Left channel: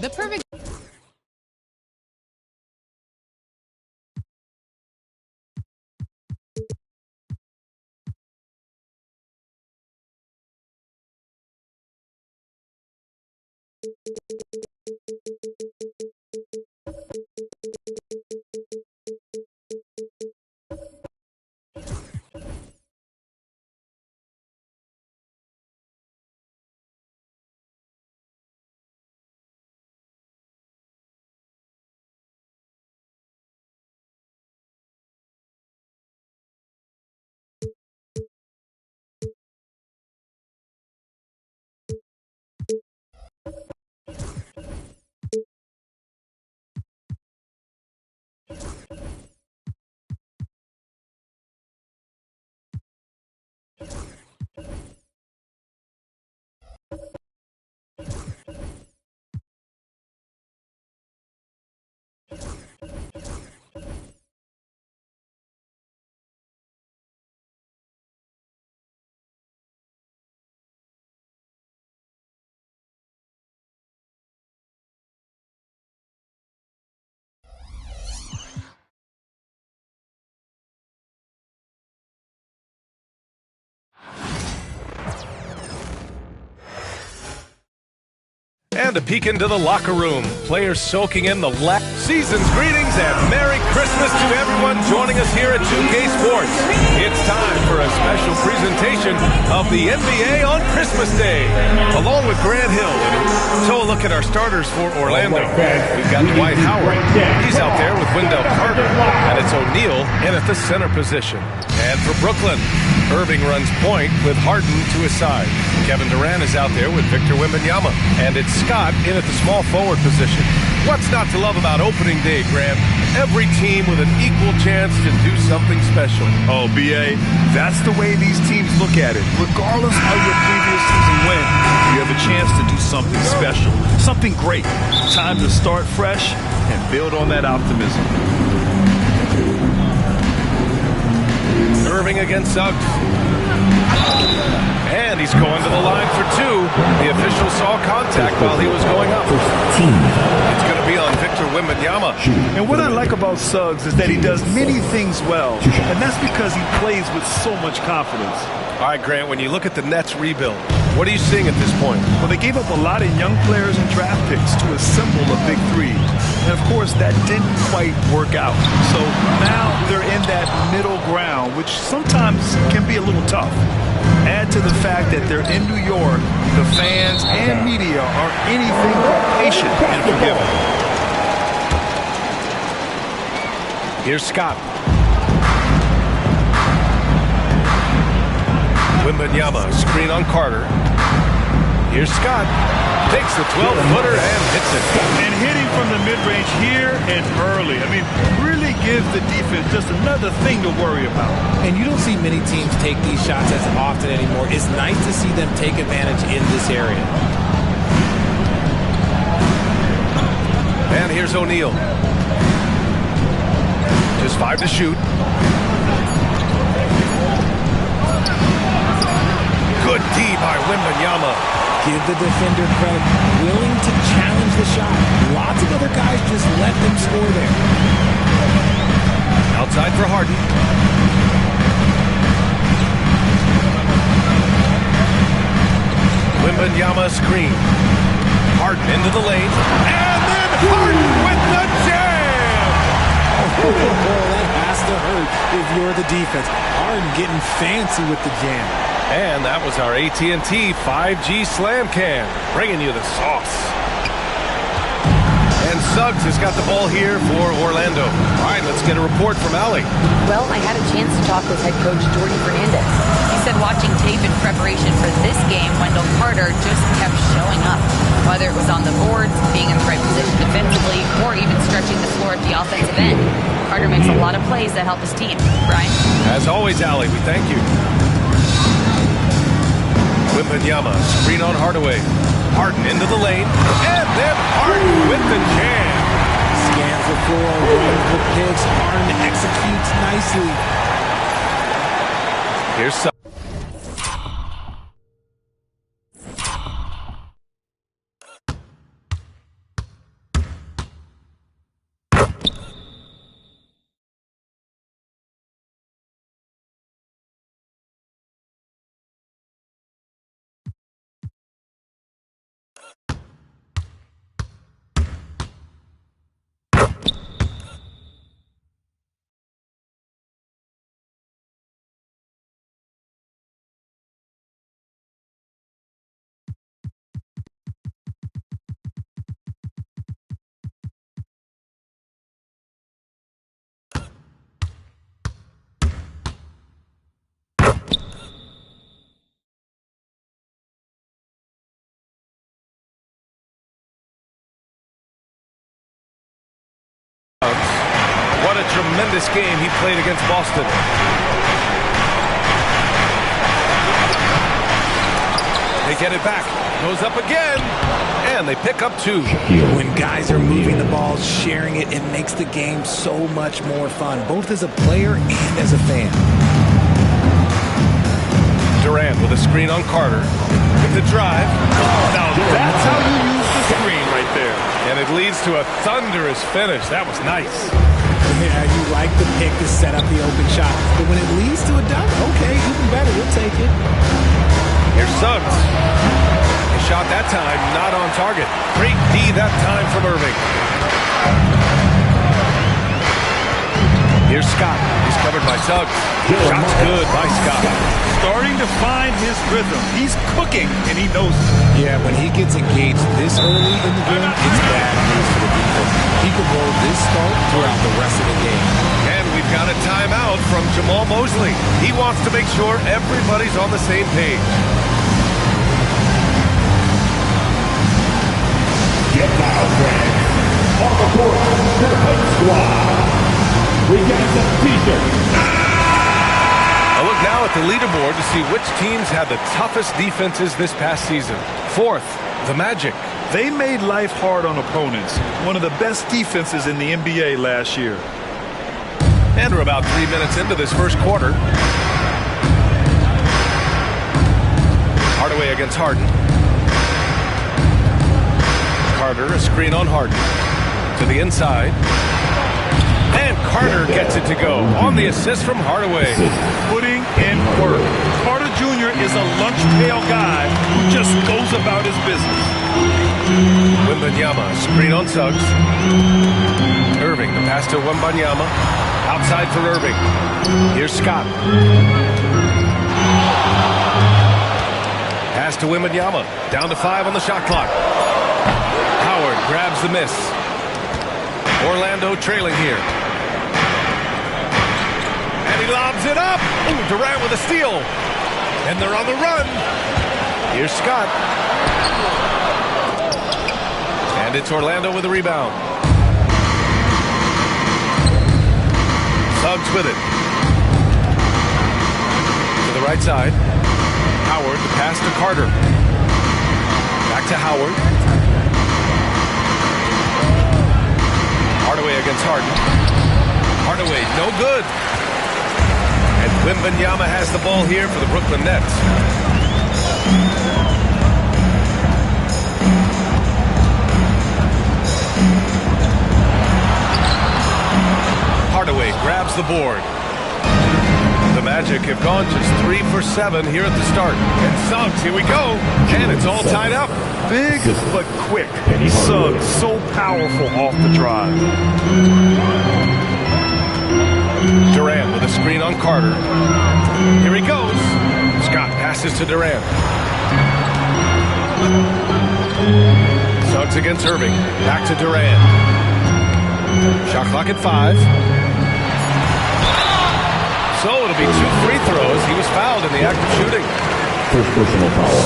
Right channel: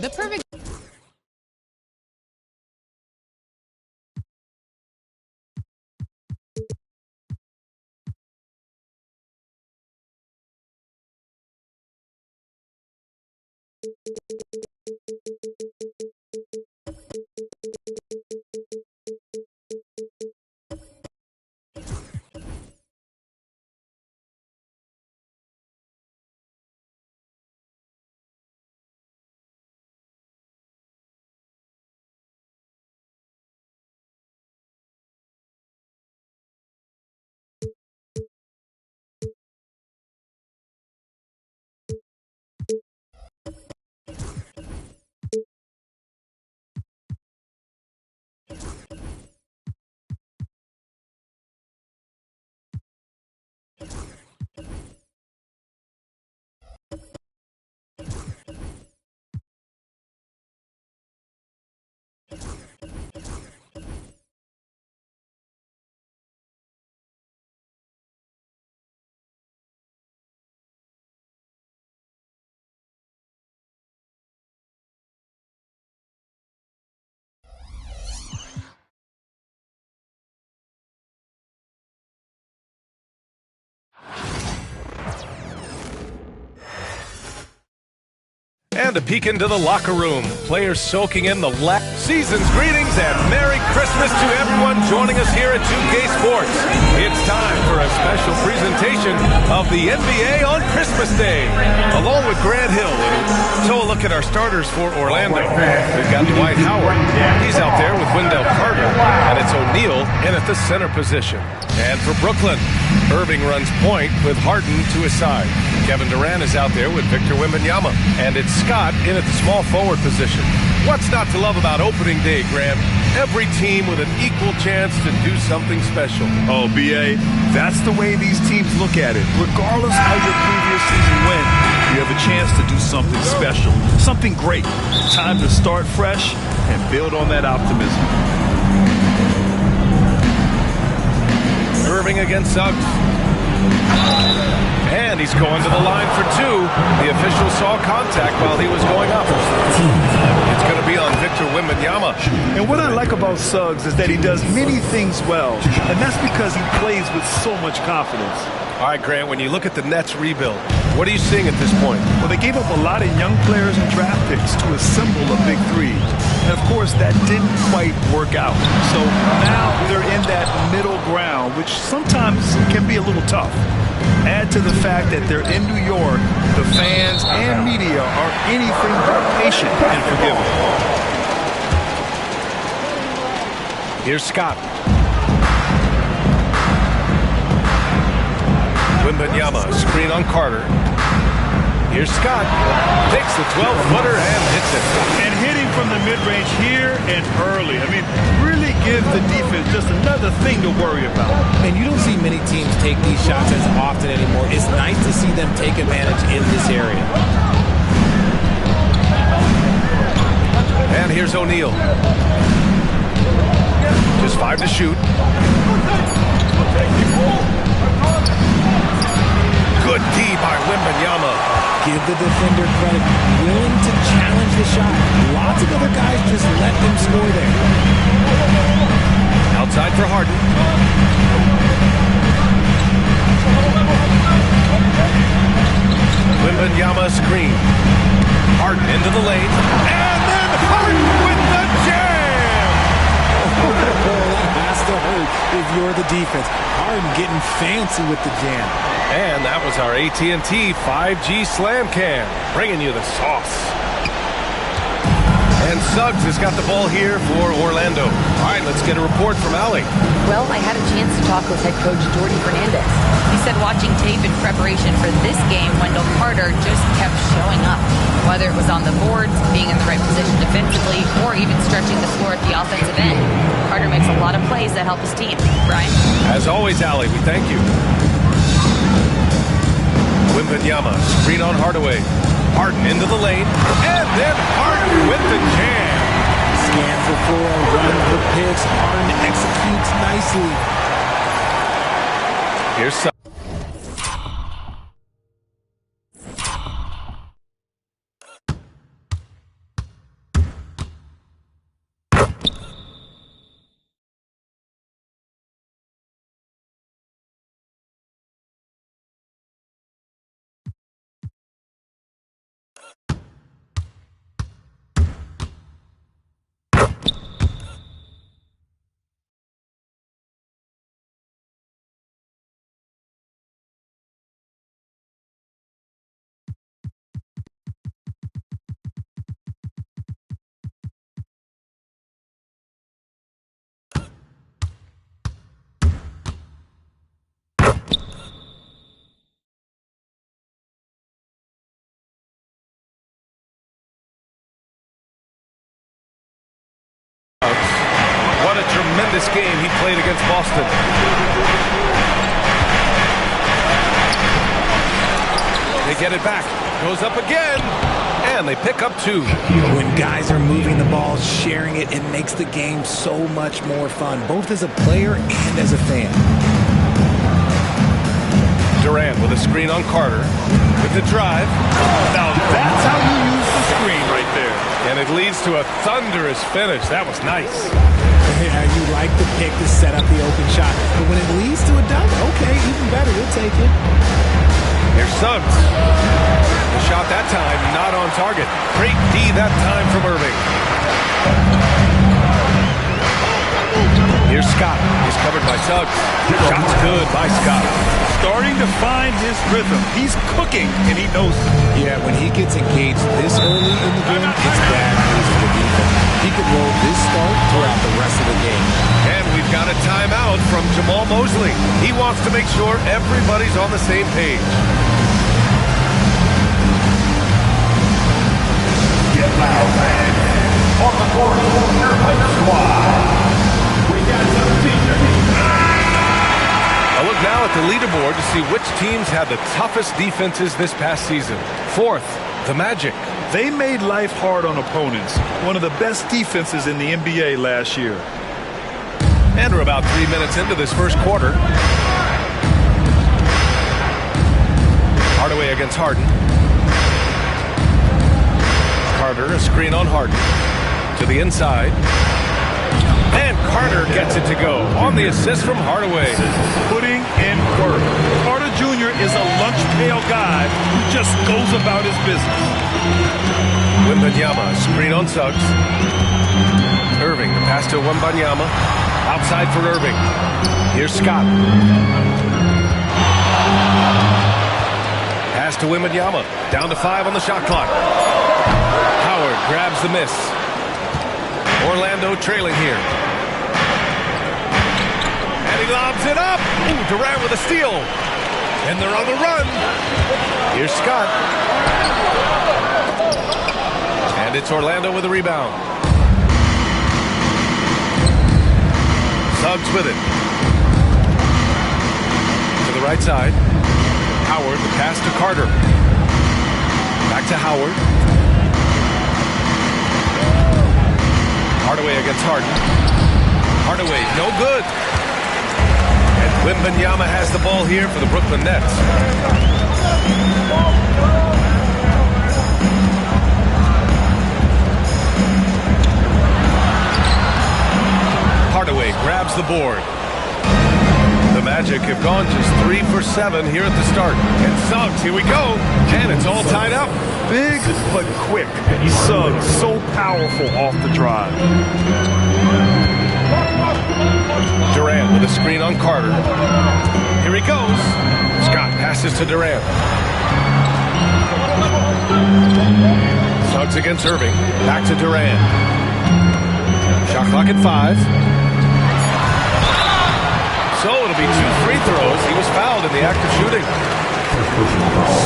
The perfect... And a peek into the locker room. Players soaking in the season's greetings and Merry Christmas to everyone joining us here at 2K Sports. It's time for a special presentation of the NBA on Christmas Day, along with Grant Hill. And so a look at our starters for Orlando. We've got Dwight Howard. He's out there with Wendell Carter, and it's O'Neal in at the center position. And for Brooklyn, Irving runs point with Harden to his side. Kevin Durant is out there with Victor Wembanyama. And it's Scott in at the small forward position. What's not to love about opening day, Graham? Every team with an equal chance to do something special. Oh, B.A., that's the way these teams look at it. Regardless how your previous season went, you have a chance to do something special, something great. Time to start fresh and build on that optimism. Irving against Suggs. And he's going to the line for two. The official saw contact while he was going up. It's going to be on Victor Wembanyama. And what I like about Suggs is that he does many things well, and that's because he plays with so much confidence. All right, Grant, when you look at the Nets rebuild, what are you seeing at this point? Well, they gave up a lot of young players and draft picks to assemble a big three. And, of course, that didn't quite work out. So now they're in that middle ground, which sometimes can be a little tough. Add to the fact that they're in New York, the fans and media are anything but patient and forgiving. Here's Scott. Wembanyama, screen on Carter. Here's Scott. Takes the 12-footer and hits it. And hitting from the mid-range here and early. I mean, really gives the defense just another thing to worry about. And you don't see many teams take these shots as often anymore. It's nice to see them take advantage in this area. And here's O'Neal. Just 5 to shoot. Good D by Wembanyama. Give the defender credit. Willing to challenge the shot. Lots of other guys just let them score there. Outside for Harden. Wembanyama screen. Harden into the lane. And then Harden with the jam! Oh, that has to hurt if you're the defense. Harden getting fancy with the jam. And that was our AT&T 5G Slam Cam, bringing you the sauce. And Suggs has got the ball here for Orlando. All right, let's get a report from Allie. Well, I had a chance to talk with head coach Jordy Fernandez. He said watching tape in preparation for this game, Wendell Carter just kept showing up. Whether it was on the boards, being in the right position defensively, or even stretching the floor at the offensive end. Carter makes a lot of plays that help his team. Brian? As always, Allie, we thank you. Wembanyama, screen on Hardaway. Harden into the lane, and then Harden with the jam. Scans the floor, runs the picks. Harden executes nicely. Here's Suggs. What a tremendous game he played against Boston. They get it back. Goes up again. And they pick up 2. When guys are moving the ball, sharing it, it makes the game so much more fun, both as a player and as a fan. Durant with a screen on Carter. With the drive. Now that's how you use the screen right there. And it leads to a thunderous finish. That was nice. Yeah, you like the pick to set up the open shot. But when it leads to a dunk, okay, even better, you'll take it. Here's Suggs. The shot that time, not on target. Great D that time from Irving. Here's Scott. He's covered by Suggs. Shot's good by Scott. Starting to find his rhythm. He's cooking, and he knows it. Yeah, when he gets engaged this early in the game, it's bad news for the defense. He could roll this start throughout the rest of the game. And we've got a timeout from Jamal Mosley. He wants to make sure everybody's on the same page. Get loud, fans. On the court, your home squad. We got some features. A look now at the leaderboard to see which teams had the toughest defenses this past season. 4th, the Magic. They made life hard on opponents. One of the best defenses in the NBA last year. And we're about 3 minutes into this first quarter. Hardaway against Harden. Carter, a screen on Harden. To the inside. And Carter gets it to go on the assist from Hardaway. Putting in work. Carter Jr. is a lunch pail guy who just goes about his business. Wembanyama, screen on Suggs. Irving, the pass to Wembanyama. Outside for Irving. Here's Scott. Pass to Wembanyama. Down to 5 on the shot clock. Howard grabs the miss. Orlando trailing here. And he lobs it up. Ooh, Durant with a steal. And they're on the run. Here's Scott. And it's Orlando with a rebound. Suggs with it. To the right side. Howard, the pass to Carter. Back to Howard. Hardaway against Harden. Hardaway, no good. And Wembanyama has the ball here for the Brooklyn Nets. Hardaway grabs the board. The Magic have gone just 3 for 7 here at the start. And Suggs, here we go. And it's all tied up. Big but quick. Suggs so powerful off the drive. Durant with a screen on Carter. Here he goes. Scott passes to Durant. Suggs against Irving. Back to Durant. Shot clock at 5. So it'll be 2 free throws. He was fouled in the act of shooting.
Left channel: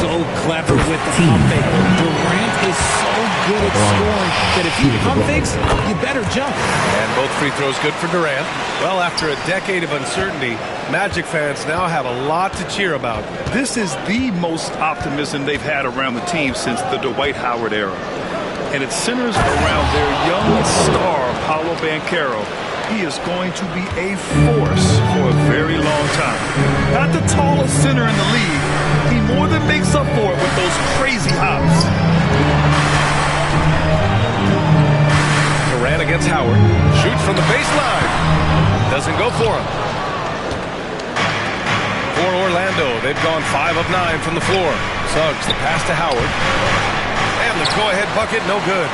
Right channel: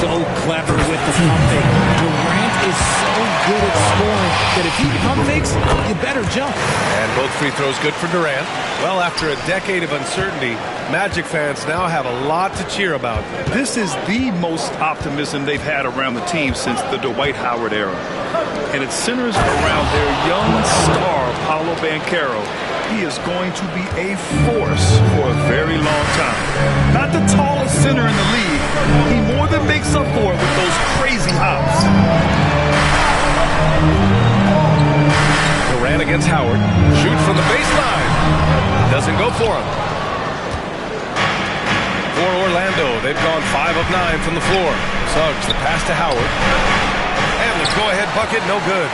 So clever with the pump fake. Durant is so good at scoring that if he pump fakes, you better jump. And both free throws good for Durant. Well, after a decade of uncertainty, Magic fans now have a lot to cheer about. This is the most optimism they've had around the team since the Dwight Howard era. And it centers around their young star, Paolo Banchero. He is going to be a force for a very long time. Not the tallest center in the league. He more than makes up for it with those crazy hops. Durant against Howard. Shoots from the baseline. Doesn't go for him. For Orlando, they've gone 5 of 9 from the floor. Suggs, the pass to Howard. And the go-ahead bucket, no good.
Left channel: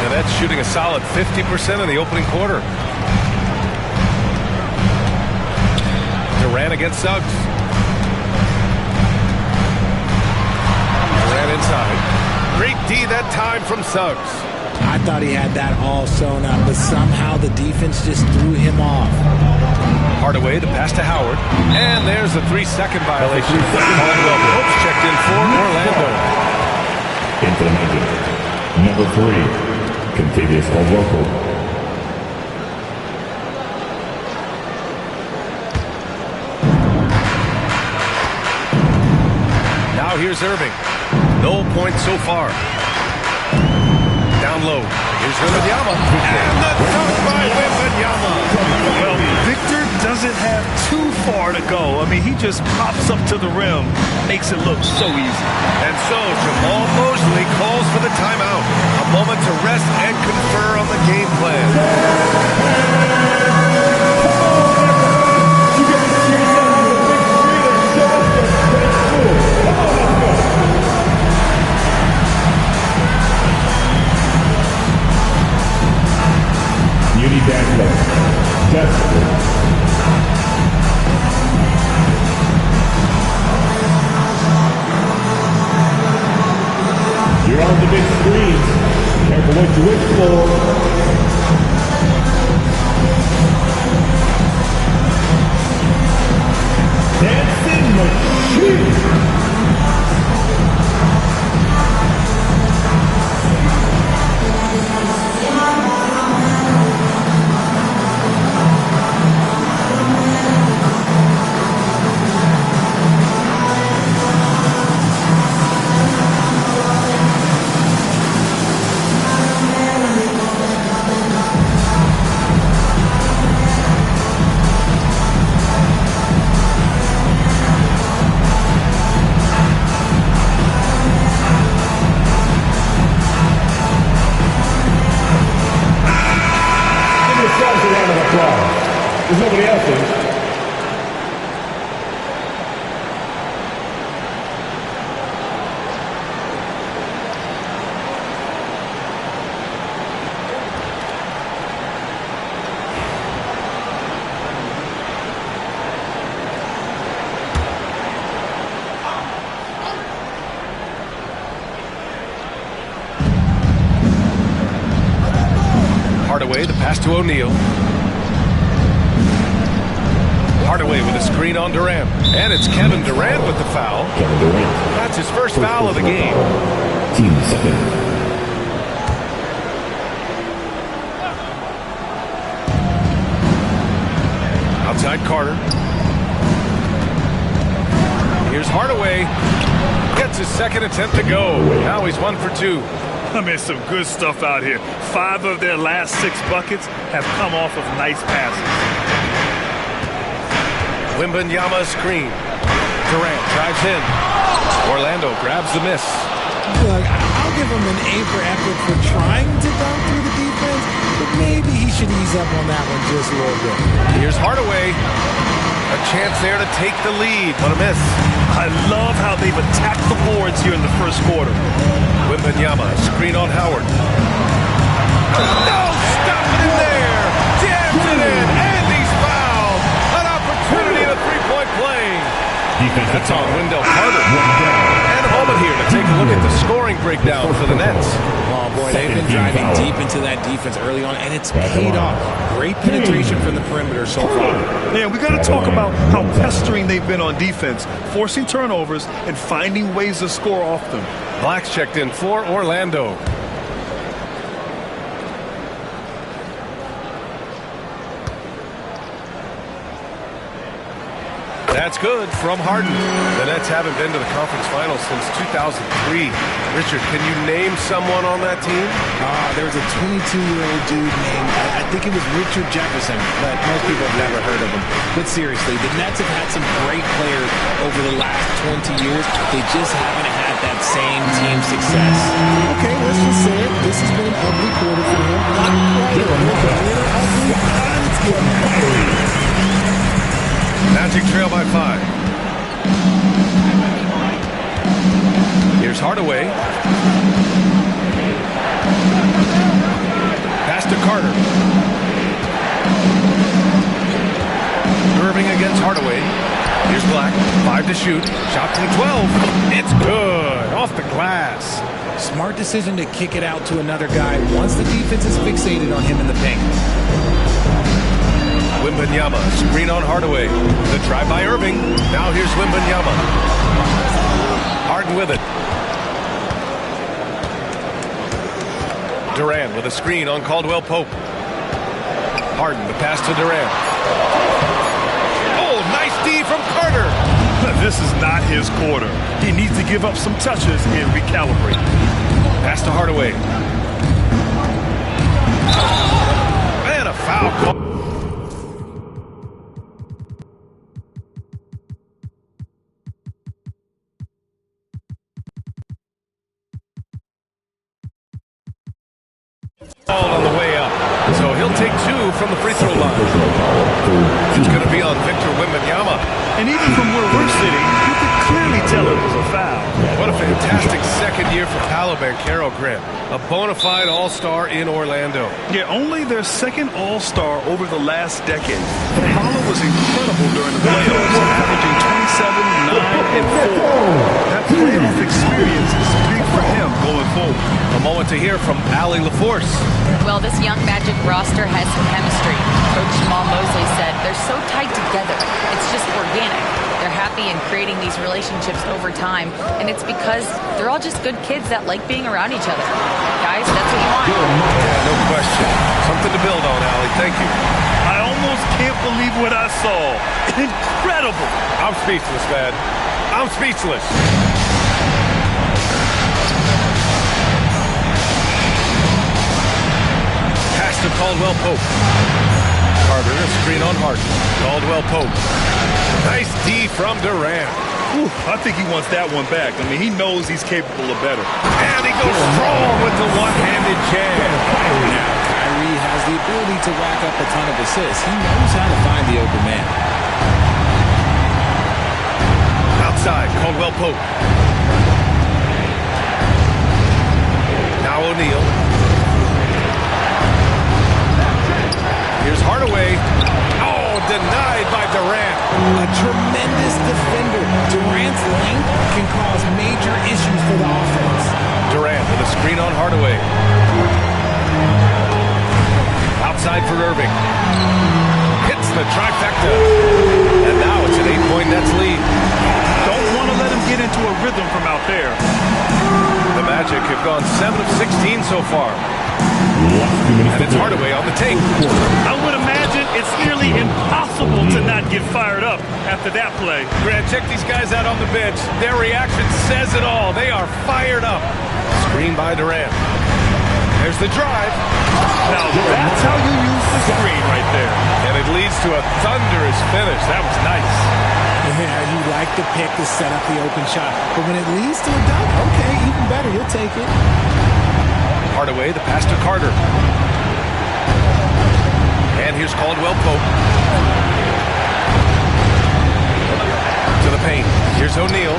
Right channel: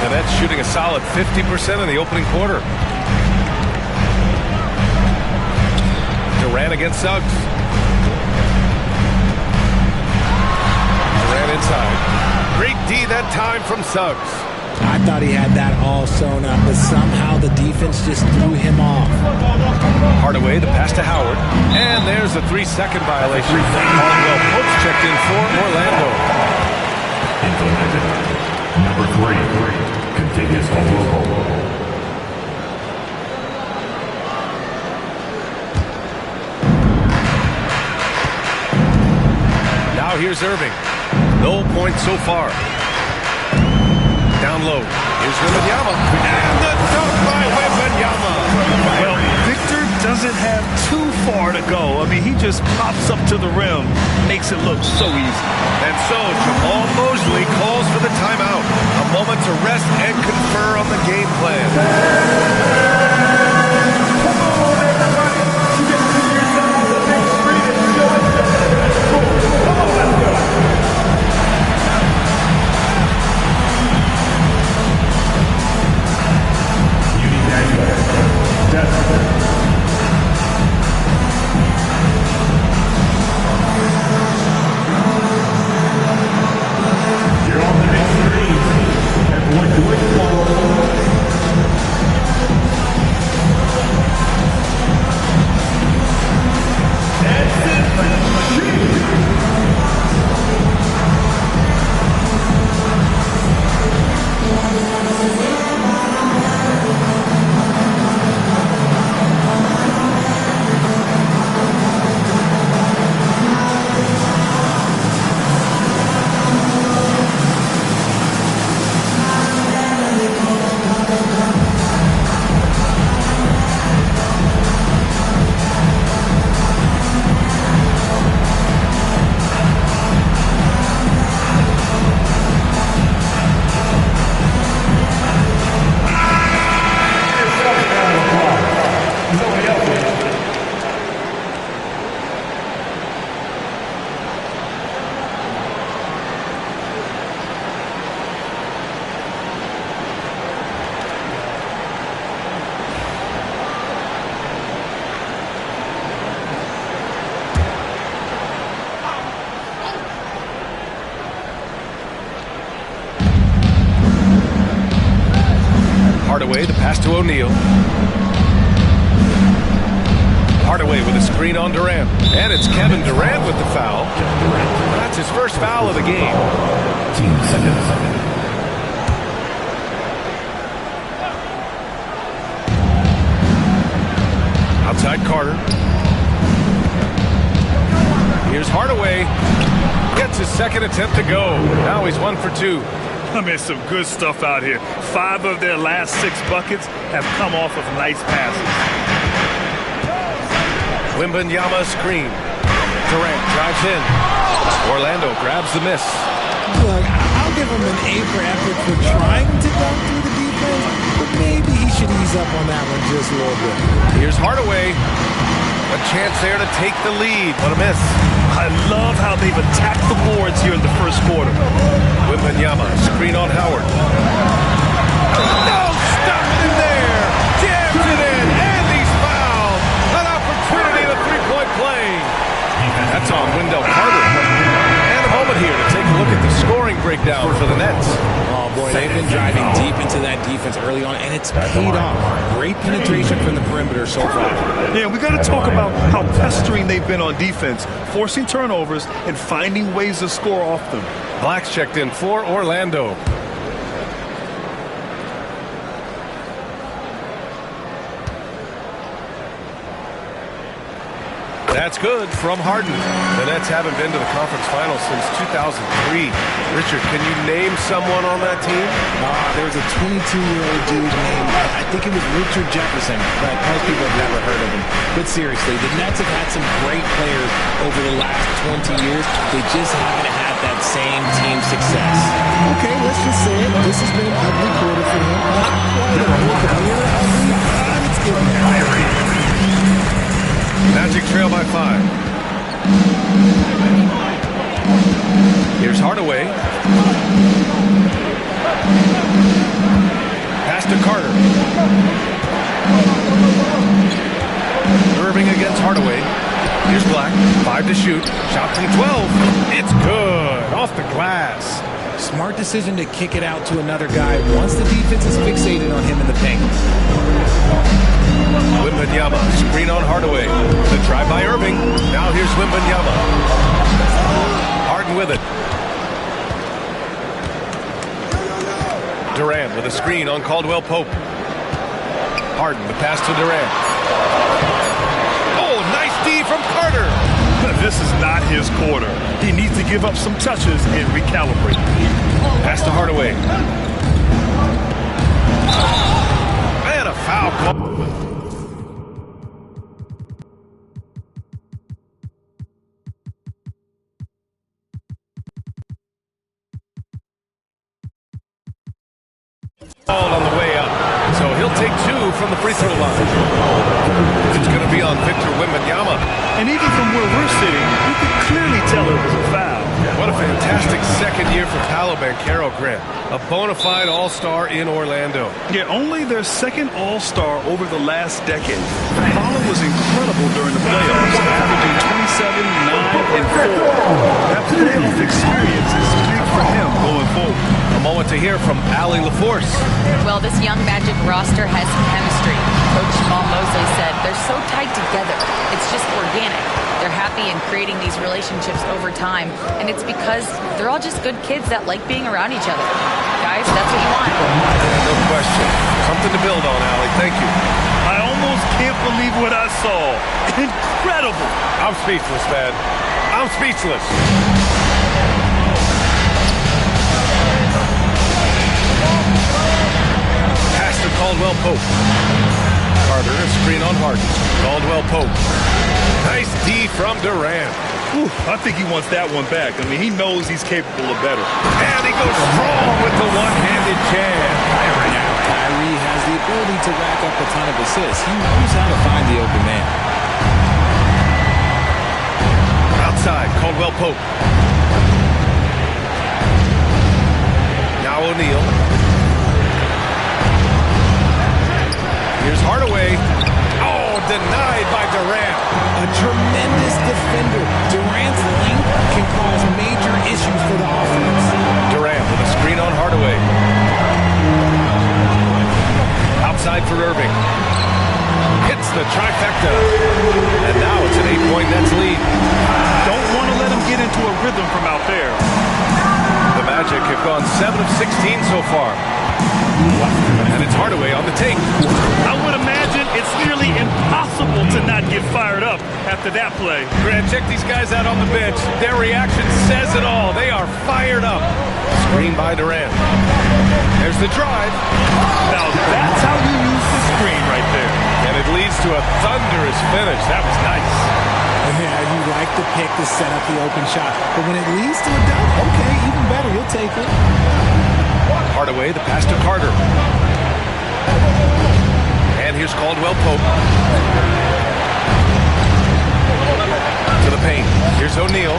And that's shooting a solid 50% in the opening quarter. Durant against Suggs. Durant inside. Great D that time from Suggs. I thought he had that all sewn up, but somehow the defense just threw him off. Hardaway, the pass to Howard. And there's a 3-second violation. Caldwell Pope's checked in for Orlando. Into Magic. Number 3. Contiguous Oroco. Now here's Irving. No points so far. Down low. Here's Wembanyama. And the dunk by Wembanyama. Well, Victor doesn't have too far to go. I mean, he just pops up to the rim, makes it look so easy. And so Jamal Mosley calls for the timeout. A moment to rest and confer on the game plan. You're on the big screen. Careful what you wish for. Dancing machine. There's nobody else in. Hardaway, the pass to O'Neal. Hardaway with a screen on Durant. And it's Kevin Durant with the foul. Kevin Durant. That's his first foul of the game. Team seconds. Outside Carter. Here's Hardaway. Gets his second attempt to go. Now he's 1 for 2. I mean, some good stuff out here. 5 of their last 6 buckets have come off of nice passes. Wembanyama screen. Durant drives in. Orlando grabs the miss. Look, I'll give him an A for effort for trying to dunk through the defense, but maybe he should ease up on that one just a little bit. Here's Hardaway. A chance there to take the lead, but a miss. I love how they've attacked the boards here in the first quarter. Wembanyama, screen on Howard. No, stop it in there. Jams it in, and he's fouled. An opportunity at a three-point play. That's on Wendell Carter. And a moment here to take a look at the scoring breakdown for the Nets. Oh, boy, they've been driving deep into that defense early on, and it's paid off. Great penetration from the perimeter so far. Yeah, we got to talk about how pestering they've been on defense, forcing turnovers and finding ways to score off them. Black's checked in for Orlando. That's good from Harden. The Nets haven't been to the conference finals since 2003. Richard, can you name someone on that team? There was a 22-year-old dude named, I think it was Richard Jefferson, but most people have never heard of him. But seriously, the Nets have had some great players over the last 20 years. They just haven't had that same team success. Okay, let's just say it. This has been an ugly quarter for him. Not quite a near ugly, but it's getting there. Magic trail by 5. Here's Hardaway. Pass to Carter. Irving against Hardaway. Here's Black. 5 to shoot. Shot from 12. It's good. Off the glass. Smart decision to kick it out to another guy once the defense is fixated on him in the paint. Wembanyama, screen on Hardaway. The try by Irving. Now here's Wembanyama. Harden with it. Durant with a screen on Caldwell Pope. Harden, the pass to Durant. Oh, nice D from Carter. This is not his quarter. He needs to give up some touches and recalibrate. Pass to Hardaway. And a foul call. On the way up. So he'll take 2 from the free throw line. It's going to be on Victor Wembanyama. And even from where we're sitting, you could clearly tell it was a foul. What a fantastic second year for Paolo Banchero, Grant. A bona fide all-star in Orlando. Yeah, only their second all-star over the last decade. Paolo was incredible during the playoffs, averaging 27, 9, and 4. That playoff experience is big for him going forward. A moment to hear from Allie LaForce. Well, this young Magic roster has chemistry. Coach Jamal Mosley said they're so tight together. It's just organic. They're happy in creating these relationships over time, and it's because they're all just good kids that like being around each other. Guys, that's what you want. Yeah, no question. Something to build on, Allie. Thank you. I almost can't believe what I saw. Incredible. I'm speechless, man. I'm speechless. Pass to Caldwell Pope. Carter, a screen on Harden. Caldwell Pope. Nice D from Durant. I think he wants that one back. I mean, he knows he's capable of better. And he goes strong with the one-handed jam. Now, Kyrie has the ability to rack up a ton of assists. He knows how to find the open man. Outside, Caldwell Pope. Now O'Neal. Here's Hardaway. Oh, denied by Durant. A tremendous defender. Durant's length can cause major issues for the offense. Durant with a screen on Hardaway. Outside for Irving. Hits the trifecta. And now it's an 8-point Nets lead. Don't want to let him get into a rhythm from out there. The Magic have gone 7 of 16 so far. And it's Hardaway on the take. I would imagine it's nearly impossible to not get fired up after that play. Grant, check these guys out on the bench. Their reaction says it all. They are fired up. Screen by Durant. There's the drive. Now that's how you use the screen right there. And it leads to a thunderous finish. That was nice. Yeah, you like the pick to set up the open shot. But when it leads to a dunk, okay, even better. You'll take it. Hardaway, the pass to Carter. And here's Caldwell Pope. To the paint. Here's O'Neal.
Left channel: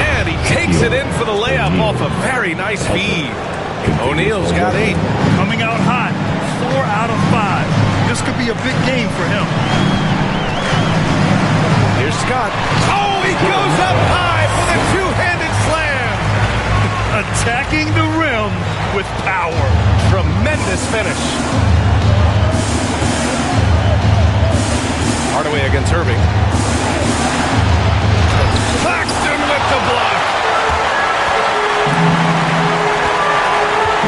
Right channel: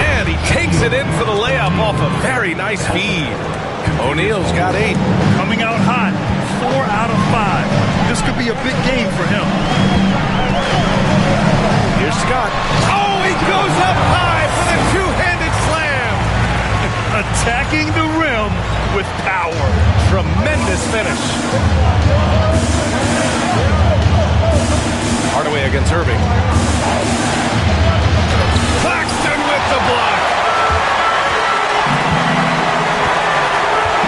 And he takes it in for the layup off a very nice feed. O'Neal's got 8. Coming out hot. 4 out of 5. This could be a big game for him. Here's Scott. Oh, he goes up high for the two-handed slam. Attacking the rim with power. Tremendous finish. Hardaway against Irving. Claxton with the block.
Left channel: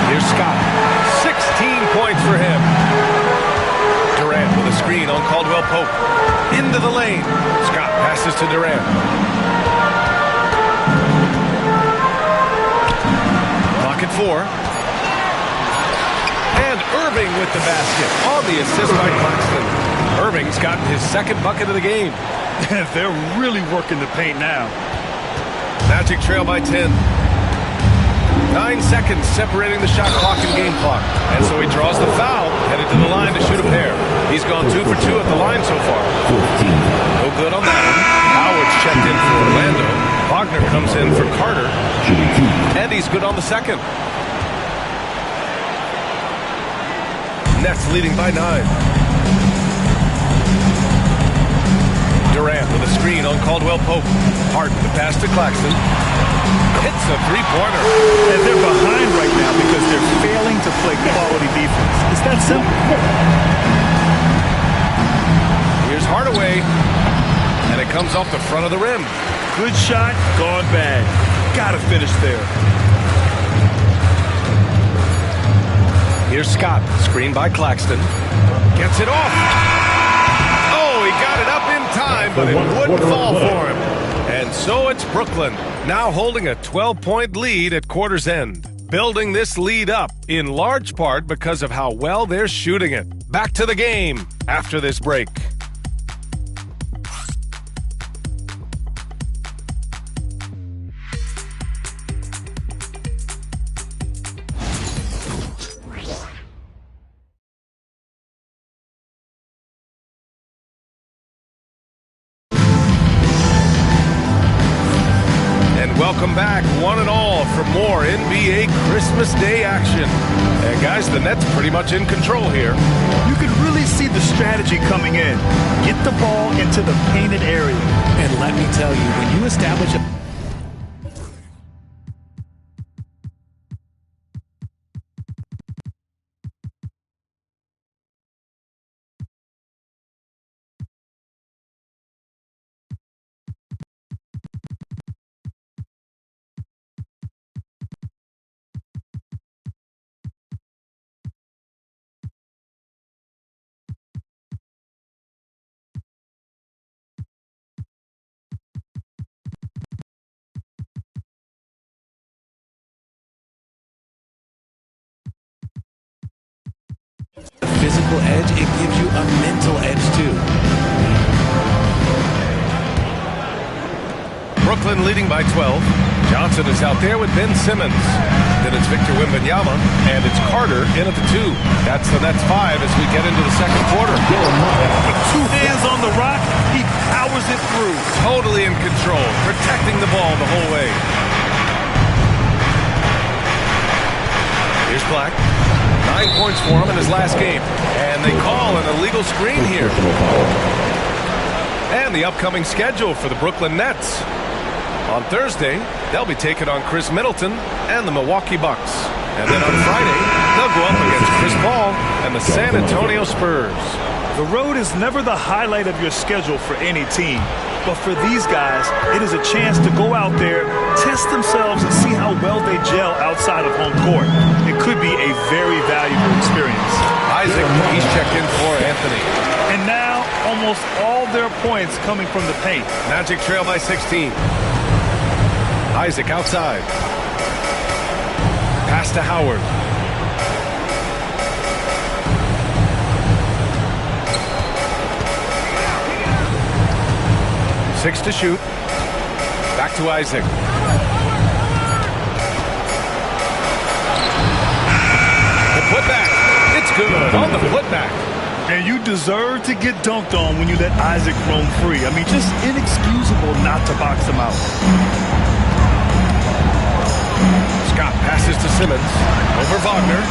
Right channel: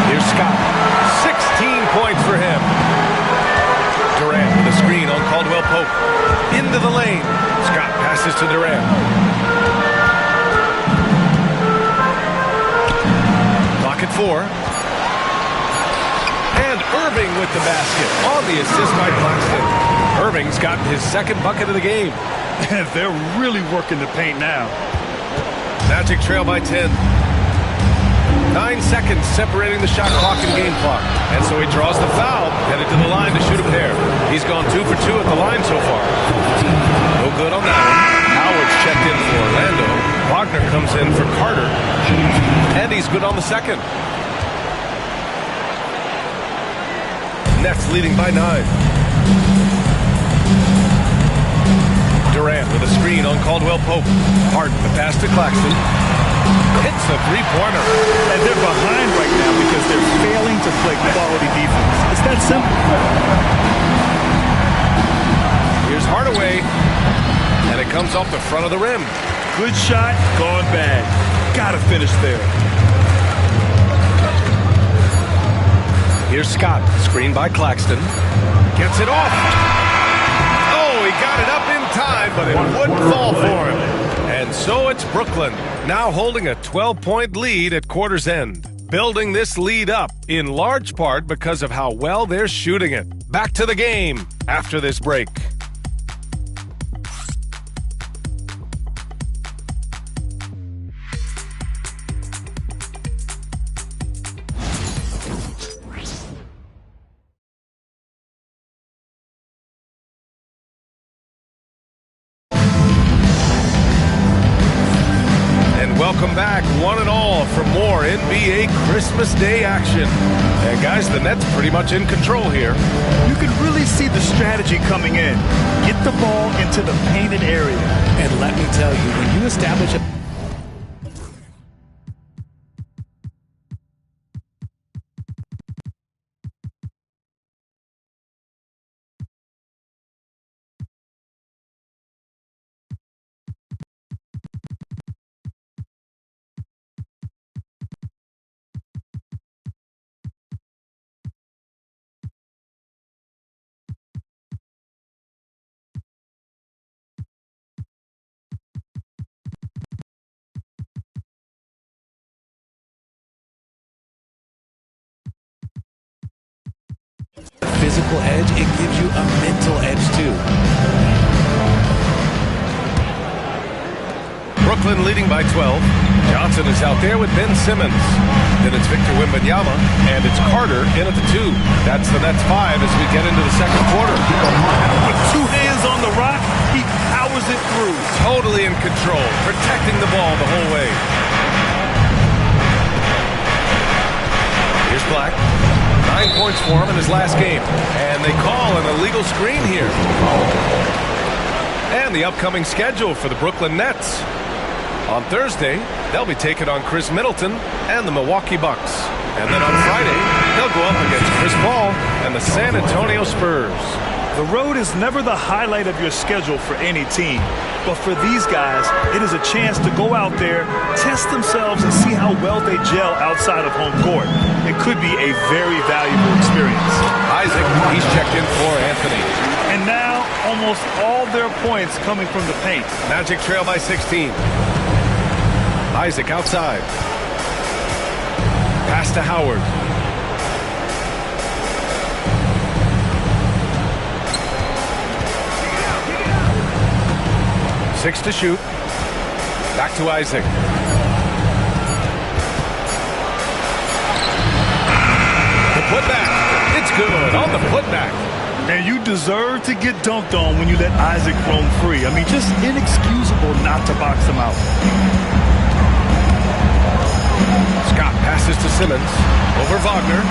Here's Scott. 16 points for him. Durant with a screen on Caldwell Pope. Into the lane. Scott passes to Durant. Clock at 4. And Irving with the basket on the assist by Claxton. Irving's gotten his second bucket of the game. They're really working the paint now. Magic trail by 10. 9 seconds separating the shot clock and game clock. And so he draws the foul, headed to the line to shoot a pair. He's gone 2 for 2 at the line so far. No good on that one. Howard's checked in for Orlando. Wagner comes in for Carter. And he's good on the second. Nets leading by 9. Durant with a screen on Caldwell Pope. Harden the pass to Claxton. Hits a three-pointer. And they're behind right now because they're failing to play quality defense. It's that simple. Here's Hardaway. And it comes off the front of the rim. Good shot, gone bad. Gotta finish there. Here's Scott. Screen by Claxton. Gets it off. Oh, he got it up in time, but it wouldn't fall for him. And so it's Brooklyn, now holding a 12-point lead at quarter's end. Building this lead up in large part because of how well they're shooting it. Back to the game after this break. Welcome back, one and all, for more NBA Christmas Day action. And guys, the Nets pretty much in control here. You can really see the strategy coming in. Get the ball into the painted area. And let me tell you, when you establish a physical edge, it gives you a mental edge too. Brooklyn leading by 12. Johnson is out there with Ben Simmons. Then it's Victor Wembanyama, and it's Carter in at the 2. That's the Nets 5 as we get into the second quarter. With 2 hands on the rock, he powers it through. Totally in control, protecting the ball the whole way. Here's Black. 9 points for him in his last game. And they call an illegal screen here. And the upcoming schedule for the Brooklyn Nets. On Thursday, they'll be taking on Chris Middleton and the Milwaukee Bucks. And then on Friday, they'll go up against Chris Paul and the San Antonio Spurs. The road is never the highlight of your schedule for any team. But for these guys, it is a chance to go out there, test themselves, and see how well they gel outside of home court. It could be a very valuable experience. Isaac, he's checked in for Anthony. And now, almost all their points coming from the paint. Magic trail by 16. Isaac outside. Pass to Howard. Six to shoot. Back to Isaac. The putback. It's good on the putback. And you deserve to get dunked on when you let Isaac roam free. I mean, just inexcusable not to box him out. Scott passes to Simmons. Over Wagner.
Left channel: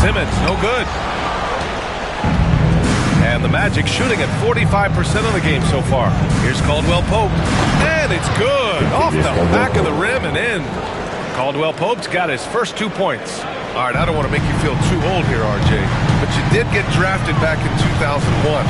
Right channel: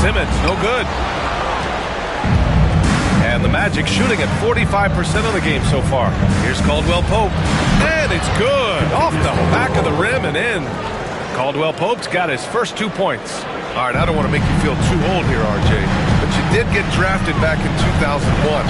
Simmons, no good. And the Magic shooting at 45% of the game so far. Here's Caldwell Pope. And it's good. Off the back of the rim and in. Caldwell Pope's got his first 2 points. All right, I don't want to make you feel too old here, RJ, but you did get drafted back in 2001.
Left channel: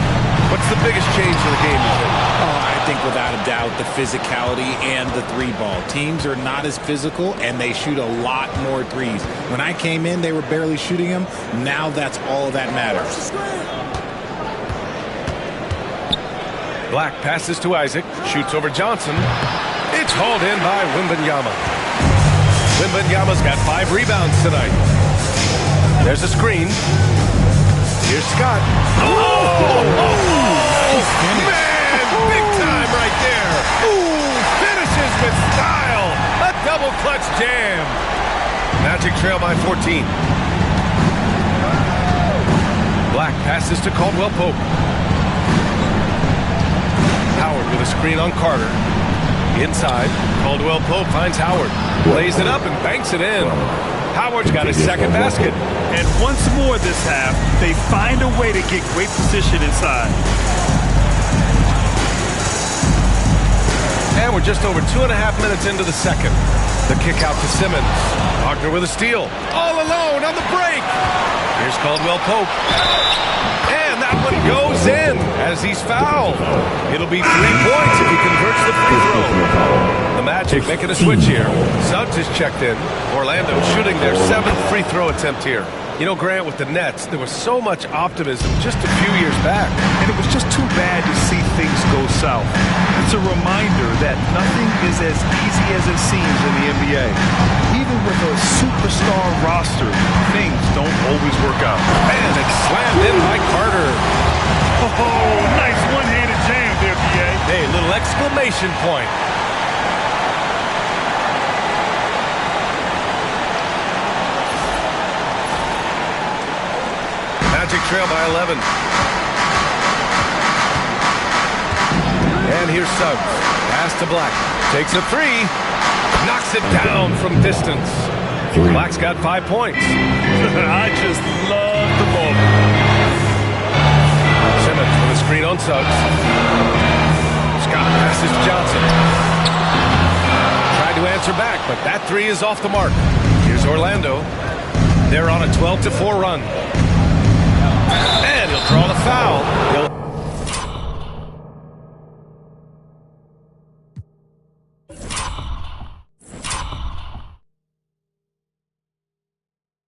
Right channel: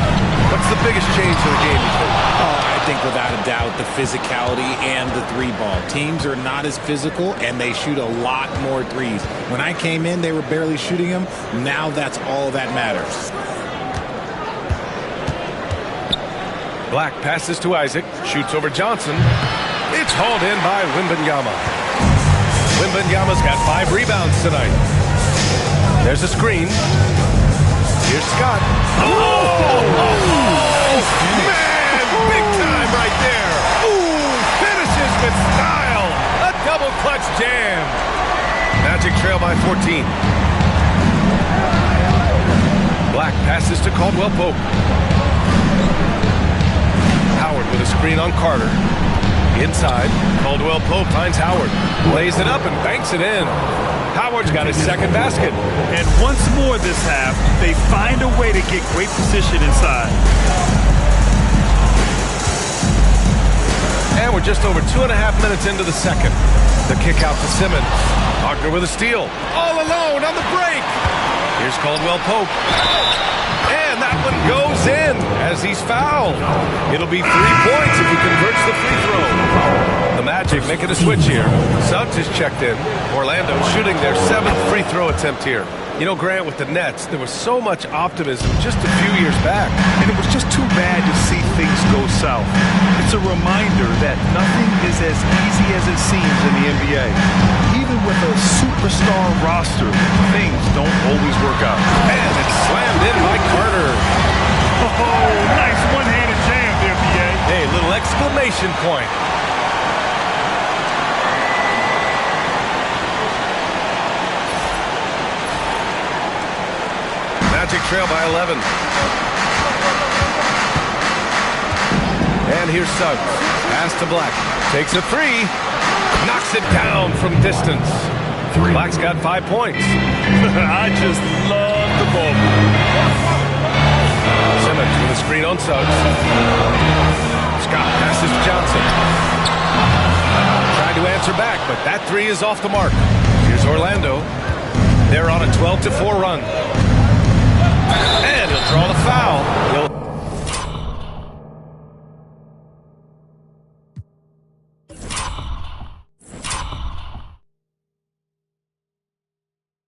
What's the biggest change to the game, you think? I think without a doubt the physicality and the 3-ball. Teams are not as physical, and they shoot a lot more threes. When I came in, they were barely shooting them. Now that's all that matters. Black passes to Isaac, shoots over Johnson. It's hauled in by Wembanyama. Wembanyama's got 5 rebounds tonight. There's a screen. Here's Scott. Nice finish. Man, big time right there. Ooh, finishes with style. A double clutch jam. Magic trail by 14. Black passes to Caldwell Pope. Howard with a screen on Carter. Inside, Caldwell Pope finds Howard. Lays it up and banks it in. Howard's got his second basket. And once more this half, they find a way to get great position inside. And we're just over 2.5 minutes into the second. The kick out to Simmons. Wagner with a steal. All alone on the break. Here's Caldwell Pope. And that one goes in as he's fouled. It'll be 3 points if he converts the free throw. The Magic making a switch here. Suggs is checked in. Orlando shooting their 7th free throw attempt here. You know, Grant, with the Nets, there was so much optimism just a few years back. And it was just too bad to see things go south. It's a reminder that nothing is as easy as it seems in the NBA. Even with a superstar roster, things don't always work out. And it's slammed in by Carter. Oh, nice one-handed jam there, B.A. Hey, little exclamation point. Magic trail by 11. And here's Suggs. Pass to Black. Takes a three. Knocks it down from distance. Black's got 5 points. I just love the ball. Simmons with a screen on Suggs. Scott passes to Johnson. Tried to answer back, but that three is off the mark. Here's Orlando. They're on a 12-4 run. And he'll draw the foul.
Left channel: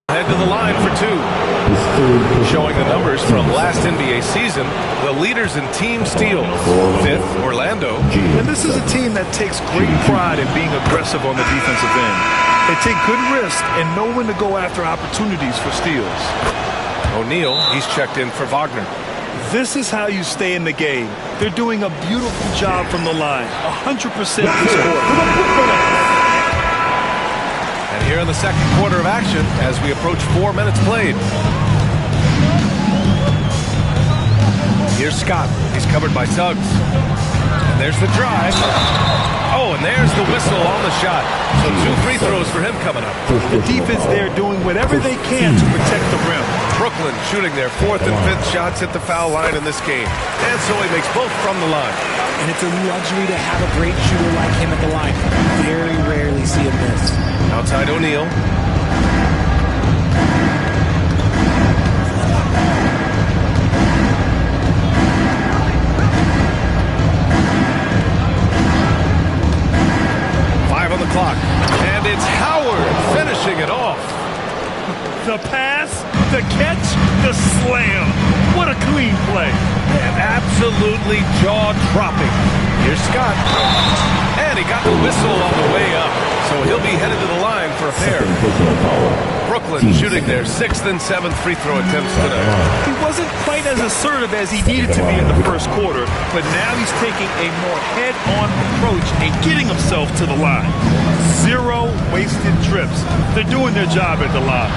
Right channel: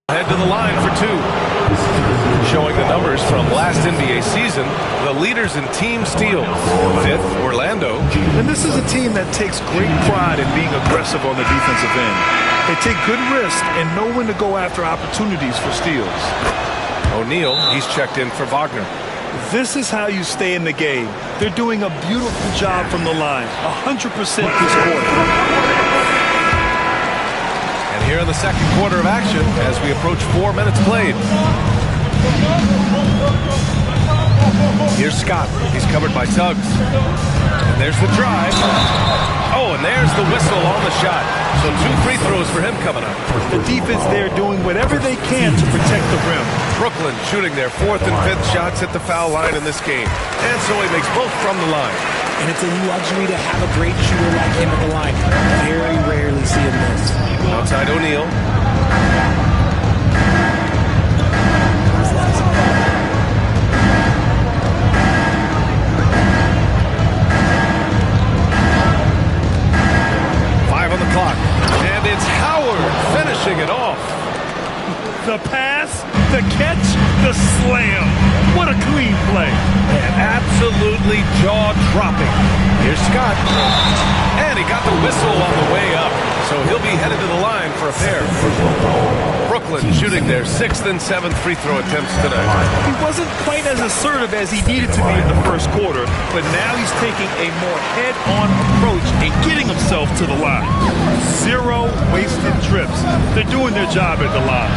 Head to the line for two. Showing the numbers from last NBA season, the leaders in team steals. 5th, Orlando. And this is a team that takes great pride in being aggressive on the defensive end. They take good risks and know when to go after opportunities for steals. O'Neal, he's checked in for Wagner. This is how you stay in the game. They're doing a beautiful job from the line. 100% this quarter. And here in the second quarter of action, as we approach 4 minutes played. Here's Scott. He's covered by Suggs. And there's the drive. Oh, and there's the whistle on the shot. So 2 free throws for him coming up. The defense there doing whatever they can to protect the rim. Brooklyn shooting their 4th and 5th shots at the foul line in this game. And so he makes both from the line. And it's a luxury to have a great shooter like him at the line. Very rarely see him miss. Outside O'Neal. On the clock, and it's Howard finishing it off. The pass, the catch, the slam. What a clean play. And absolutely jaw-dropping. Here's Scott. And he got the whistle on the way up, so he'll be headed to the line for a pair. Brooklyn shooting their 6th and 7th free throw attempts tonight. He wasn't quite as assertive as he needed to be in the first quarter, but now he's taking a more head-on approach and getting himself to the line. 0 wasted trips. They're doing their job at the line.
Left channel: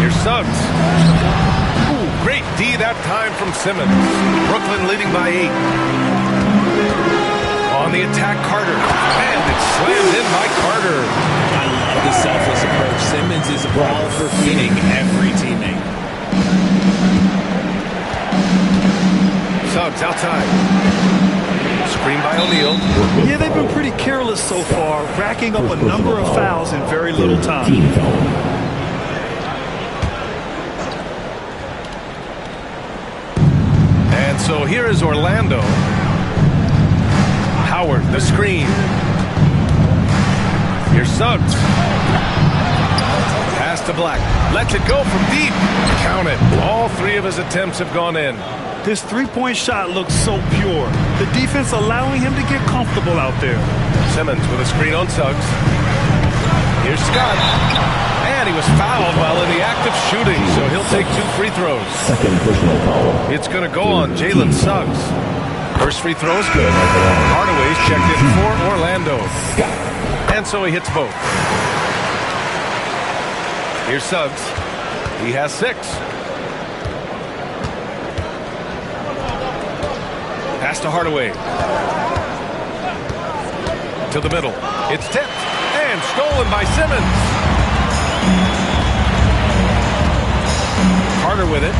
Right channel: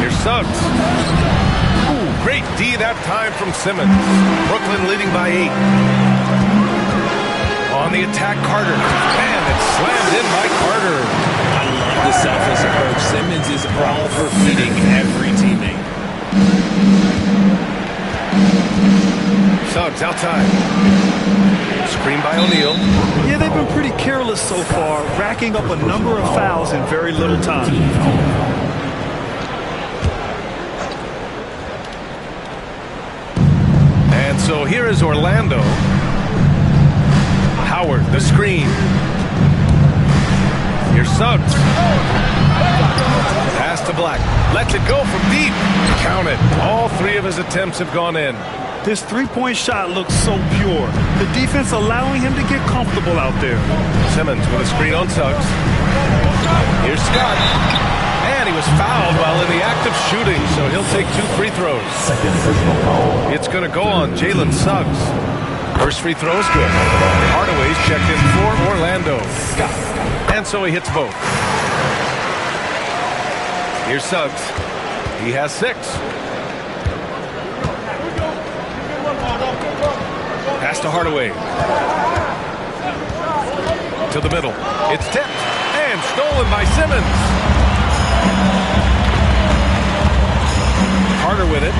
Here's Suggs. Ooh, great D that time from Simmons. Brooklyn leading by 8. On the attack, Carter. And it's slammed in by Carter. I love the selfless approach. Simmons is all for feeding every teammate. Suggs outside. Screen by O'Neal. Yeah, they've been pretty careless so far, racking up a number of fouls in very little time. And so here is Orlando. Howard, the screen. Here's Suggs. Pass to Black. Lets it go from deep. Count it. All 3 of his attempts have gone in. This three-point shot looks so pure. The defense allowing him to get comfortable out there. Simmons with a screen on Suggs. Here's Scott. And he was fouled while in the act of shooting, so he'll take 2 free throws. It's going to go on Jalen Suggs. First free throw is good. Hardaway's checked in for Orlando. And so he hits both. Here's Suggs. He has 6. Pass to Hardaway. To the middle. It's tipped and stolen by Simmons. Carter with it.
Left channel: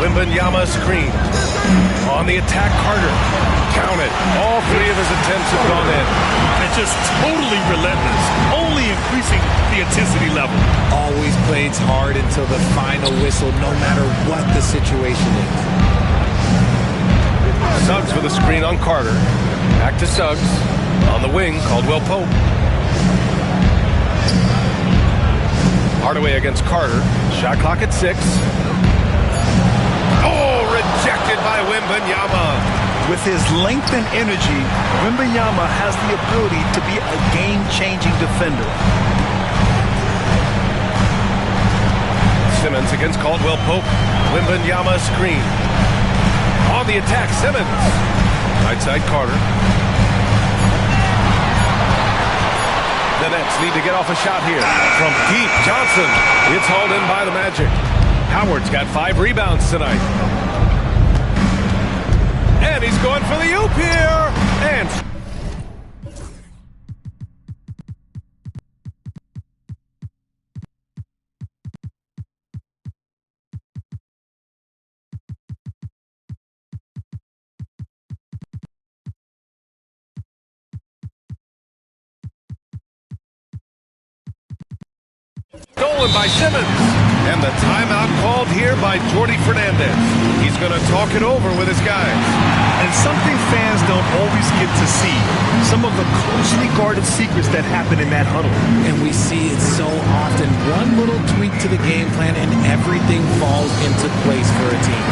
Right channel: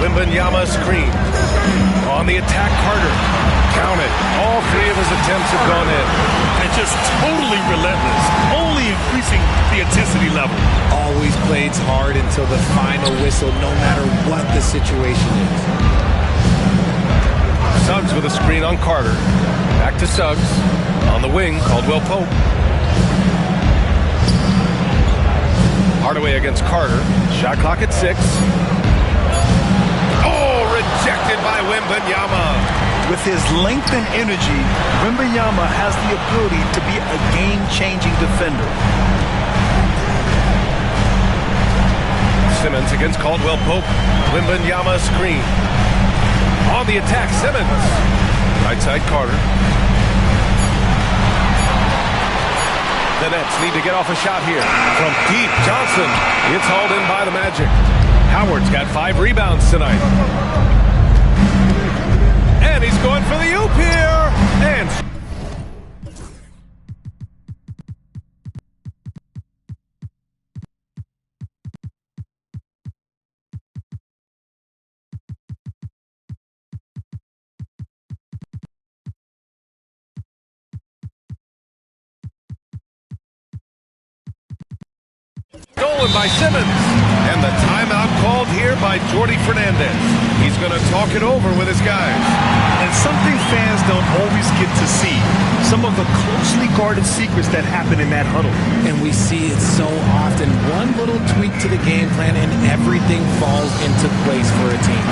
Wembanyama screen. On the attack, Carter. Count it. All 3 of his attempts have gone in. And just totally relentless. Only increasing the intensity level. Always plays hard until the final whistle, no matter what the situation is. Suggs with a screen on Carter. Back to Suggs. On the wing, Caldwell Pope. Hardaway against Carter. Shot clock at 6. Oh, rejected by Wembanyama. With his length and energy, Wembanyama has the ability to be a game-changing defender. Simmons against Caldwell Pope. Wembanyama screen. On the attack, Simmons. Right side, Carter. The Nets need to get off a shot here. From deep, Johnson. It's hauled in by the Magic. Howard's got 5 rebounds tonight. And he's going for the oop here. And stolen by Simmons. And the timeout called here by Jordi Fernandez. He's going to talk it over with his guys. And something fans don't always get to see. Some of the closely guarded secrets that happen in that huddle. And we see it so often. One little tweak to the game plan and everything falls into place for a team.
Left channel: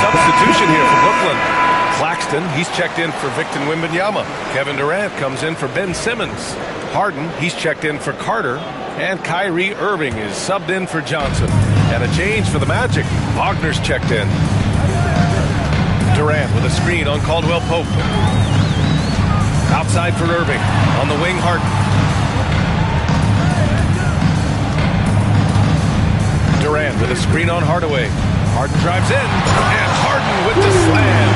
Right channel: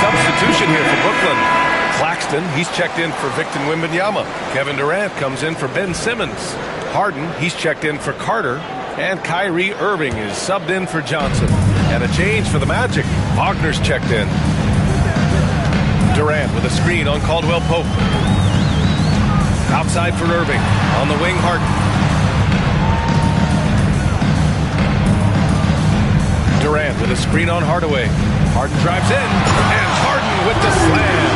Substitution here for Brooklyn. Claxton, he's checked in for Victor Wembanyama. Kevin Durant comes in for Ben Simmons. Harden, he's checked in for Carter. And Kyrie Irving is subbed in for Johnson. And a change for the Magic. Wagner's checked in. Durant with a screen on Caldwell Pope. Outside for Irving. On the wing, Harden. Durant with a screen on Hardaway. Harden drives in, and Harden with the slam.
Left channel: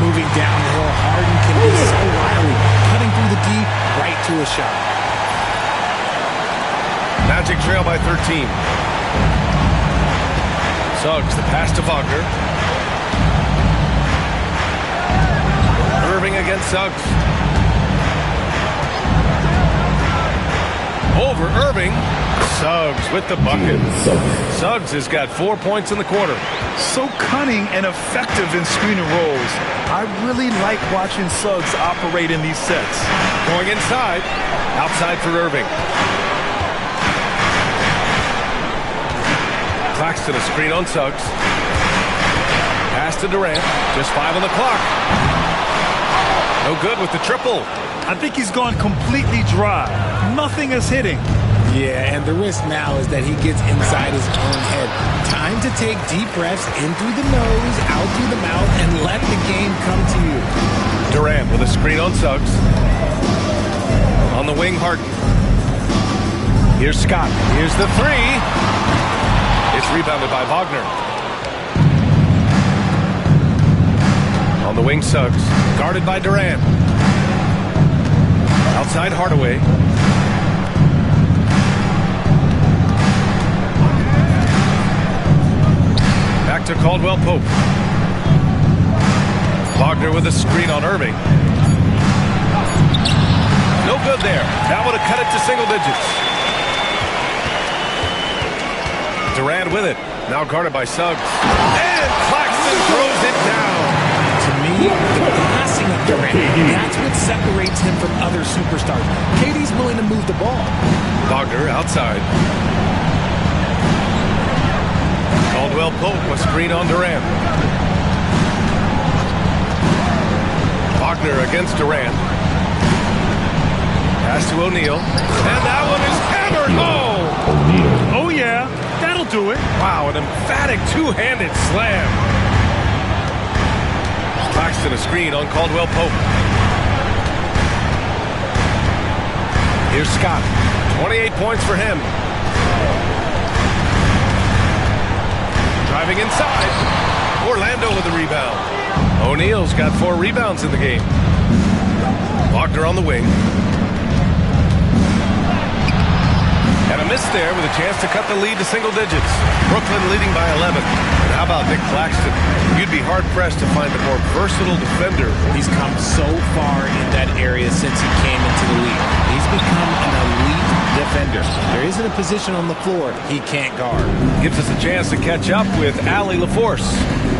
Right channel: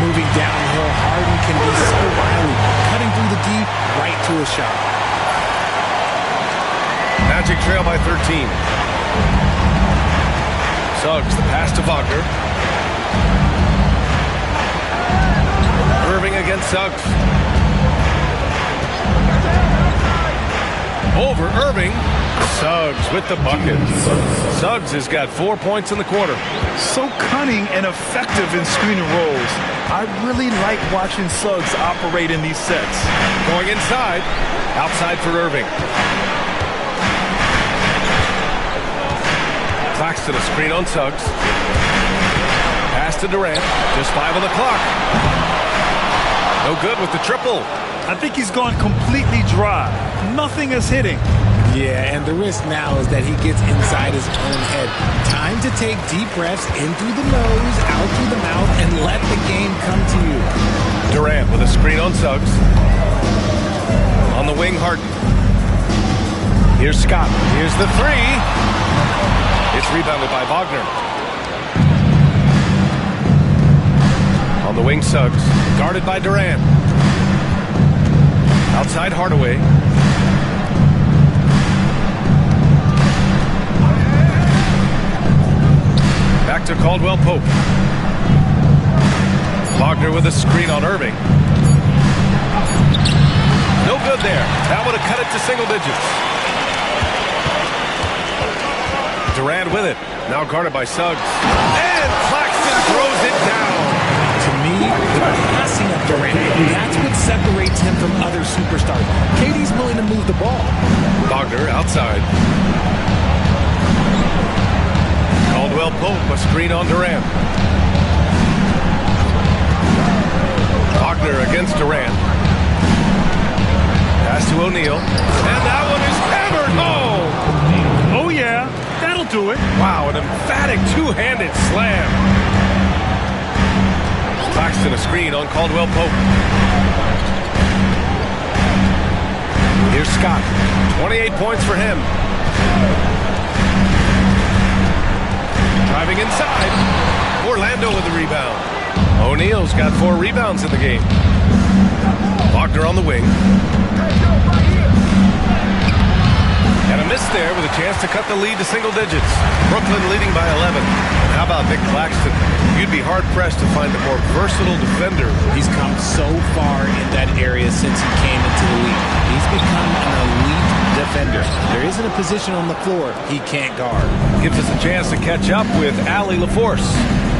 Moving downhill, Harden can be so wily, cutting through the D right to a shot. Magic trail by 13. Suggs, the pass to Wagner. Irving against Suggs. Over Irving. Suggs with the bucket. Suggs has got 4 points in the quarter. So cunning and effective in screen and rolls. I really like watching Suggs operate in these sets. Going inside. Outside for Irving. Claxton a screen on Suggs. Pass to Durant. Just 5 on the clock. No good with the triple. I think he's gone completely dry. Nothing is hitting. Yeah, and the risk now is that he gets inside his own head. Time to take deep breaths in through the nose, out through the mouth, and let the game come to you. Durant with a screen on Suggs. On the wing, Harden. Here's Scott. Here's the 3. It's rebounded by Wagner. On the wing, Suggs. Guarded by Durant. Outside Hardaway. Back to Caldwell Pope. Wagner with a screen on Irving. No good there. That would have cut it to single digits. Durant with it. Now guarded by Suggs. And Claxton throws it down. To me, the passing of Durant, that's what separates him from other superstars. KD's willing to move the ball. Wagner outside. Caldwell Pope, a screen on Durant. Wagner against Durant. Pass to O'Neal. And that one is hammered home. Oh, yeah, that'll do it. Wow, an emphatic two-handed slam. Claxton a screen on Caldwell Pope. Here's Scott. 28 points for him. Driving inside. Orlando with the rebound. O'Neal's got 4 rebounds in the game. Wagner on the wing. And a miss there with a chance to cut the lead to single digits. Brooklyn leading by 11. And how about Nick Claxton? You'd be hard-pressed to find a more versatile defender. He's come so far in that area since he came into the league. He's become an elite defender. There isn't a position on the floor he can't guard. Gives us a chance to catch up with Allie LaForce.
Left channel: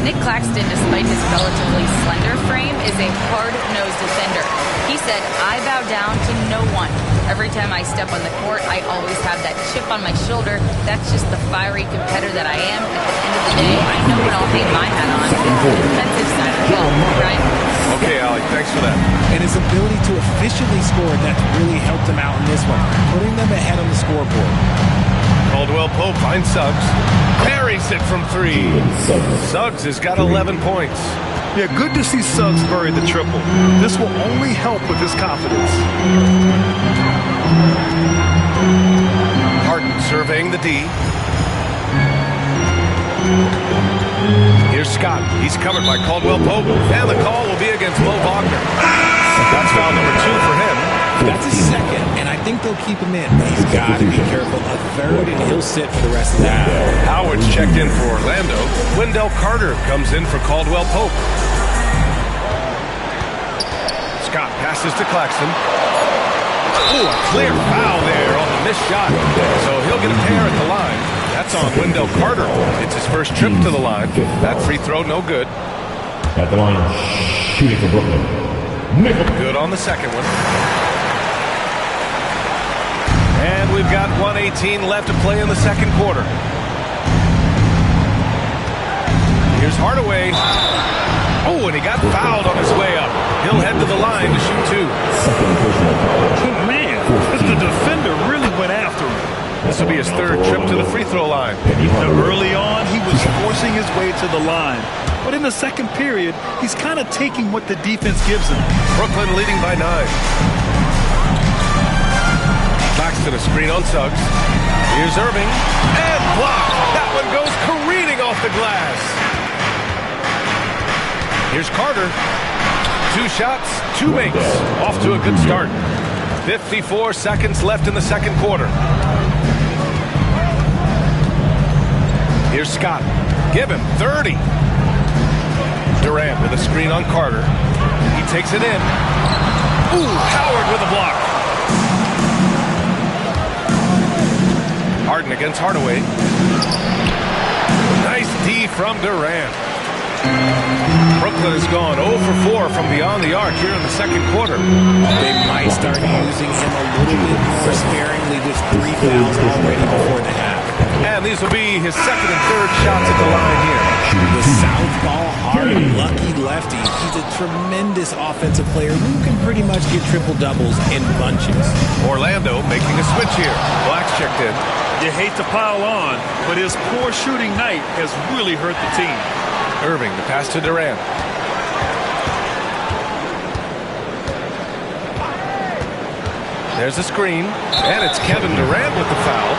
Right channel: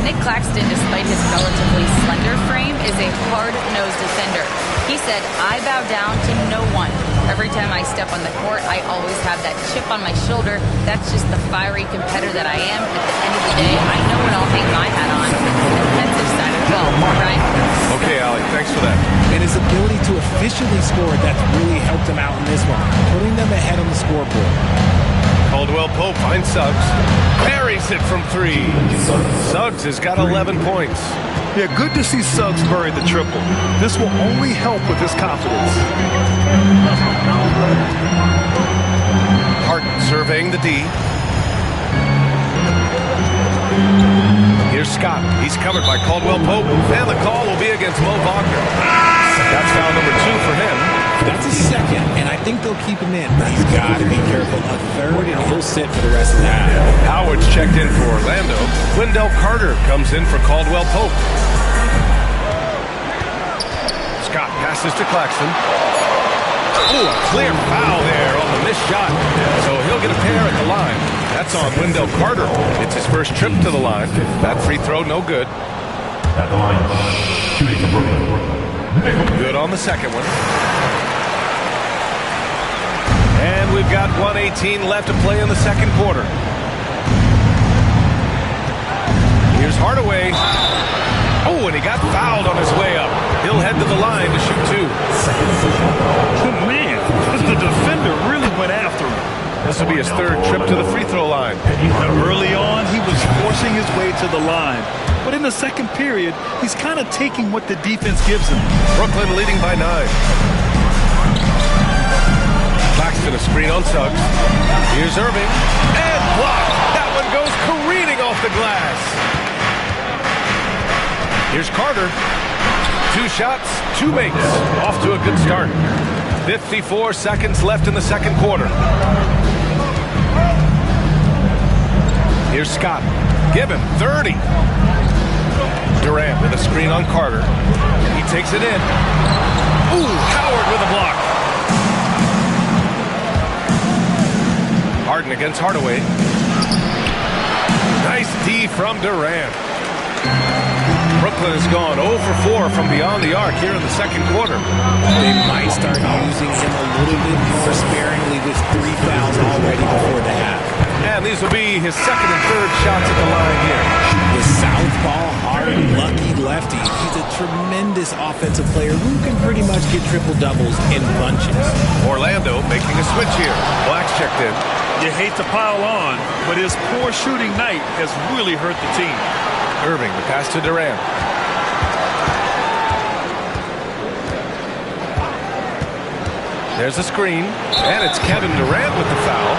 Nick Claxton, despite his relatively slender frame, is a hard-nosed defender. He said, "I bow down to no one. Every time I step on the court, I always have that chip on my shoulder. That's just the fiery competitor that I am. At the end of the day, I know when I'll hang my hat on. The defensive side of the ball, right?" Okay, Allie, thanks for that. And his ability to efficiently score, that's really helped him out in this one, putting them ahead on the scoreboard. Caldwell Pope finds Suggs. Buries it from 3. Suggs has got 11 points. Yeah, good to see Suggs bury the triple. This will only help with his confidence. Harden surveying the D. Here's Scott. He's covered by Caldwell Pope. And the call will be against Mo Wagner. That's foul number 2 for him. That's his second, and I think they'll keep him in. But he's got to be careful. A third, and he'll sit for the rest of the half. Howard's checked in for Orlando. Wendell Carter comes in for Caldwell Pope. Scott passes to Claxton. Ooh, a clear foul there on the missed shot. So he'll get a pair at the line. That's on Wendell Carter. It's his first trip to the line. That free throw, no good. At the line, shooting for Brooklyn. Good on the second one. And we've got 1:18 left to play in the second quarter. Here's Hardaway. Oh, and he got fouled on his way up. He'll head to the line to shoot 2. Man, the defender really went after him. This will be his 3rd trip to the free throw line. Now, early on, he was forcing his way to the line. But in the second period, he's kind of taking what the defense gives him. Brooklyn leading by 9. Claxton a screen on Suggs. Here's Irving. And blocked. That one goes careening off the glass. Here's Carter. 2 shots, 2 makes. Off to a good start. 54 seconds left in the second quarter. Here's Scott. Give him 30. Durant with a screen on Carter. He takes it in. Ooh, Howard with a block. Harden against Hardaway. Nice D from Durant. Brooklyn has gone 0 for 4 from beyond the arc here in the second quarter. They might start using him a little bit more sparingly with 3 fouls already before the half. And these will be his second and third shots at the line here. The southpaw, hard, lucky lefty. He's a tremendous offensive player who can pretty much get triple-doubles in bunches. Orlando making a switch here. Black's checked in. You hate to pile on, but his poor shooting night has really hurt the team. Irving, the pass to Durant. There's a screen, and it's Kevin Durant with the foul.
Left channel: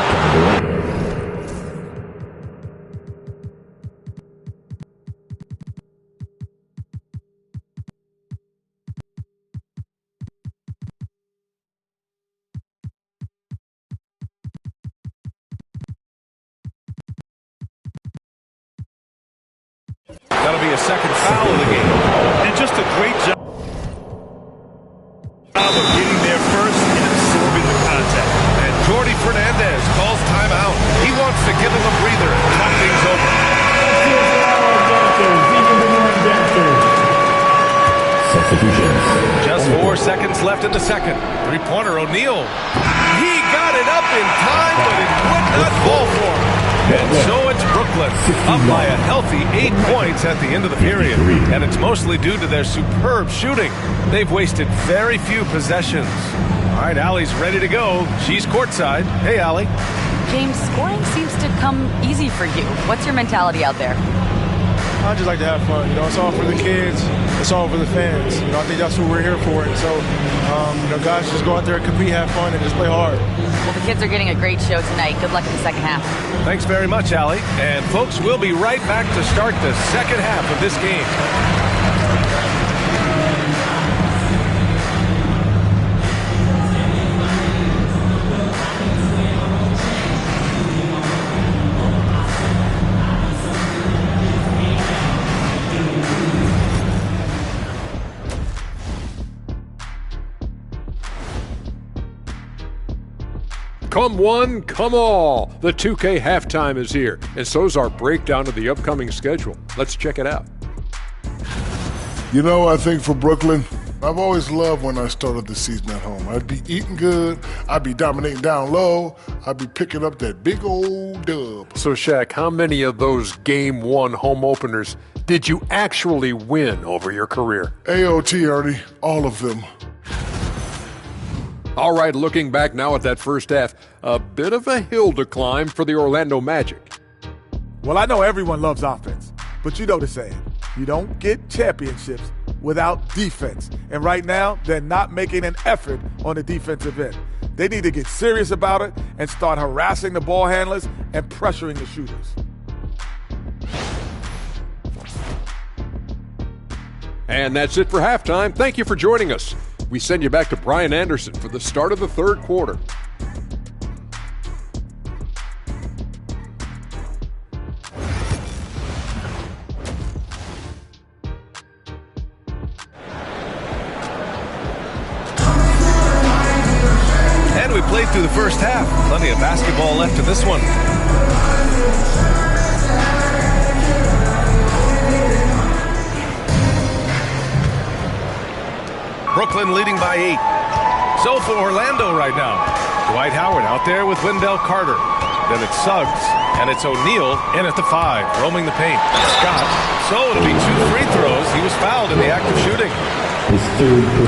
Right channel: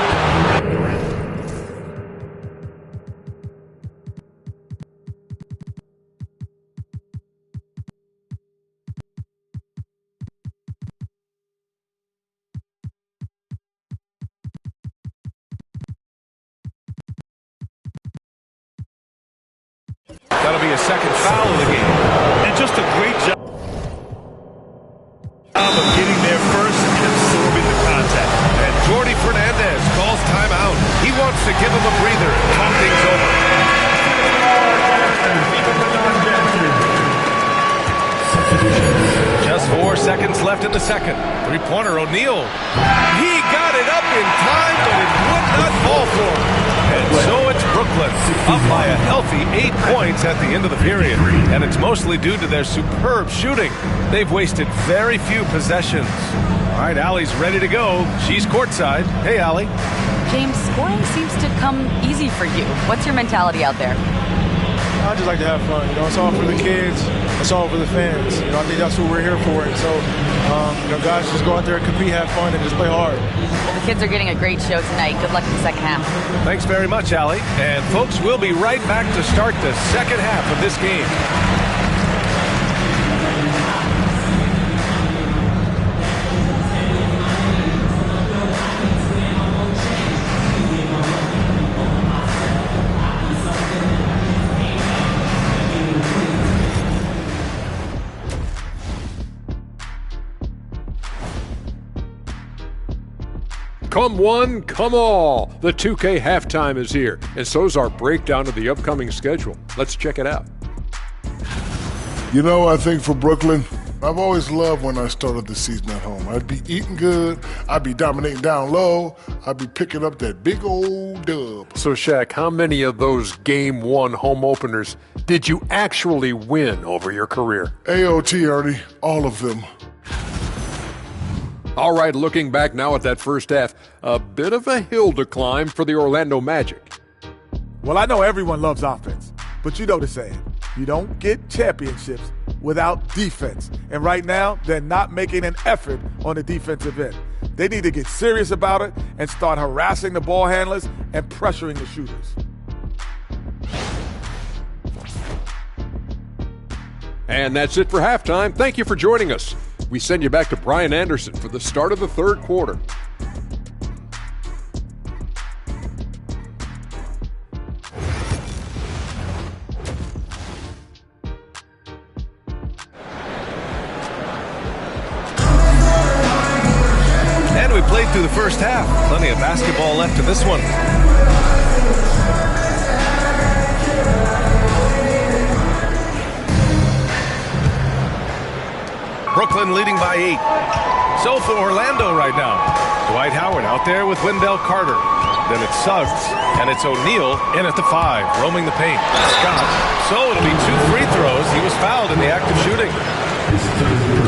That'll be a second foul of the game. And just a great job of getting there first and absorbing the contact. And Jordy Fernandez calls timeout. He wants to give him a breather and talk things over. Just 4 seconds left in the second. Three-pointer, O'Neal. He got it up in time, but it would not fall for him. And so it's Brooklyn, up by a healthy 8 points at the end of the period. And it's mostly due to their superb shooting. They've wasted very few possessions. All right, Allie's ready to go. She's courtside. Hey, Allie. James, scoring seems to come easy for you. What's your mentality out there? I just like to have fun. It's all for the kids. It's all for the fans. I think that's what we're here for. And so, guys, just go out there and compete, have fun, and just play hard. Well, the kids are getting a great show tonight. Good luck in the second half. Thanks very much, Allie. And, folks, we'll be right back to start the second half of this game. Come one, come all. The 2K halftime is here, and so's our breakdown of the upcoming schedule. Let's check it out. I think for Brooklyn, I've always loved when I started the season at home. I'd be eating good, I'd be dominating down low, I'd be picking up that big old dub. So, Shaq, how many of those Game 1 home openers did you actually win over your career? AOT, Ernie, all of them. All right, looking back now at that first half, a bit of a hill to climb for the Orlando Magic. Well, I know everyone loves offense, but you know the saying. You don't get championships without defense. And right now, they're not making an effort on the defensive end. They need to get serious about it and start harassing the ball handlers and pressuring the shooters. And that's it for halftime. Thank you for joining us. We send you back to Brian Anderson for the start of the third quarter. And we played through the first half. Plenty of basketball left in this one. Brooklyn leading by 8. So for Orlando right now, Dwight Howard out there with Wendell Carter. Then it's Suggs, and it's O'Neal in at the 5, roaming the paint. Scott, so it'll be 2 free throws. He was fouled in the act of shooting.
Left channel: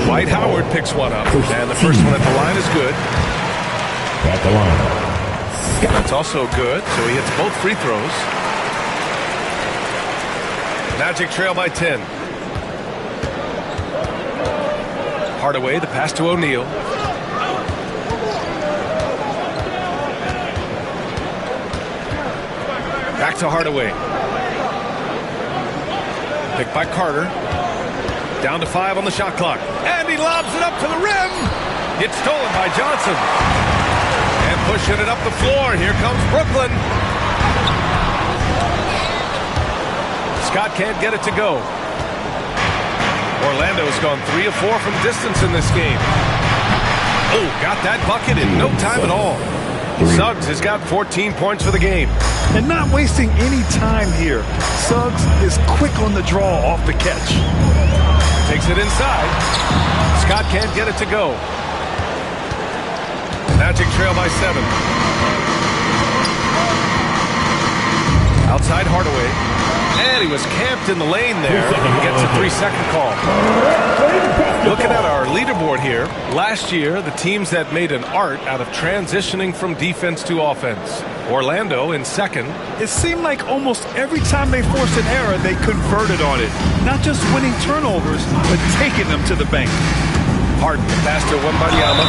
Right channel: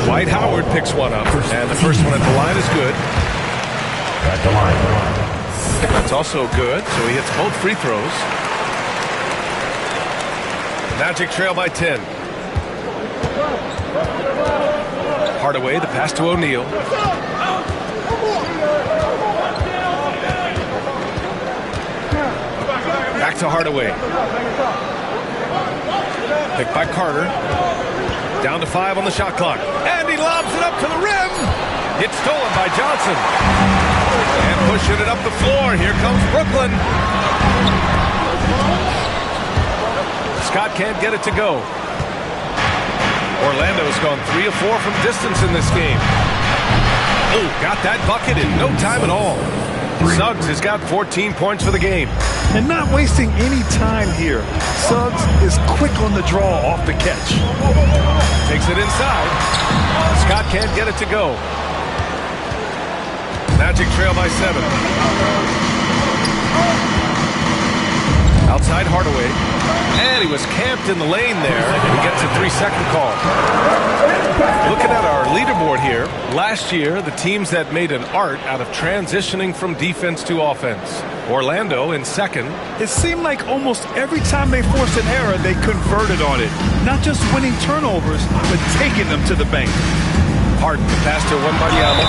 Dwight Howard picks one up, and the first one at the line is good. At the line. That's also good, so he hits both free throws. Magic trail by 10. Hardaway, the pass to O'Neal. Back to Hardaway. Picked by Carter. Down to 5 on the shot clock. And he lobs it up to the rim. It's stolen by Johnson. And pushing it up the floor. Here comes Brooklyn. Scott can't get it to go. Orlando's gone 3 of 4 from distance in this game. Oh, got that bucket in no time at all. Suggs has got 14 points for the game. And not wasting any time here. Suggs is quick on the draw off the catch. Takes it inside. Scott can't get it to go. Magic trail by 7. Outside Hardaway. And he was camped in the lane there. He gets a 3-second call. Looking at our leaderboard here, last year, the teams that made an art out of transitioning from defense to offense. Orlando in second. It seemed like almost every time they forced an error, they converted on it. Not just winning turnovers, but taking them to the bank. Harden, the pass to Wembanyama.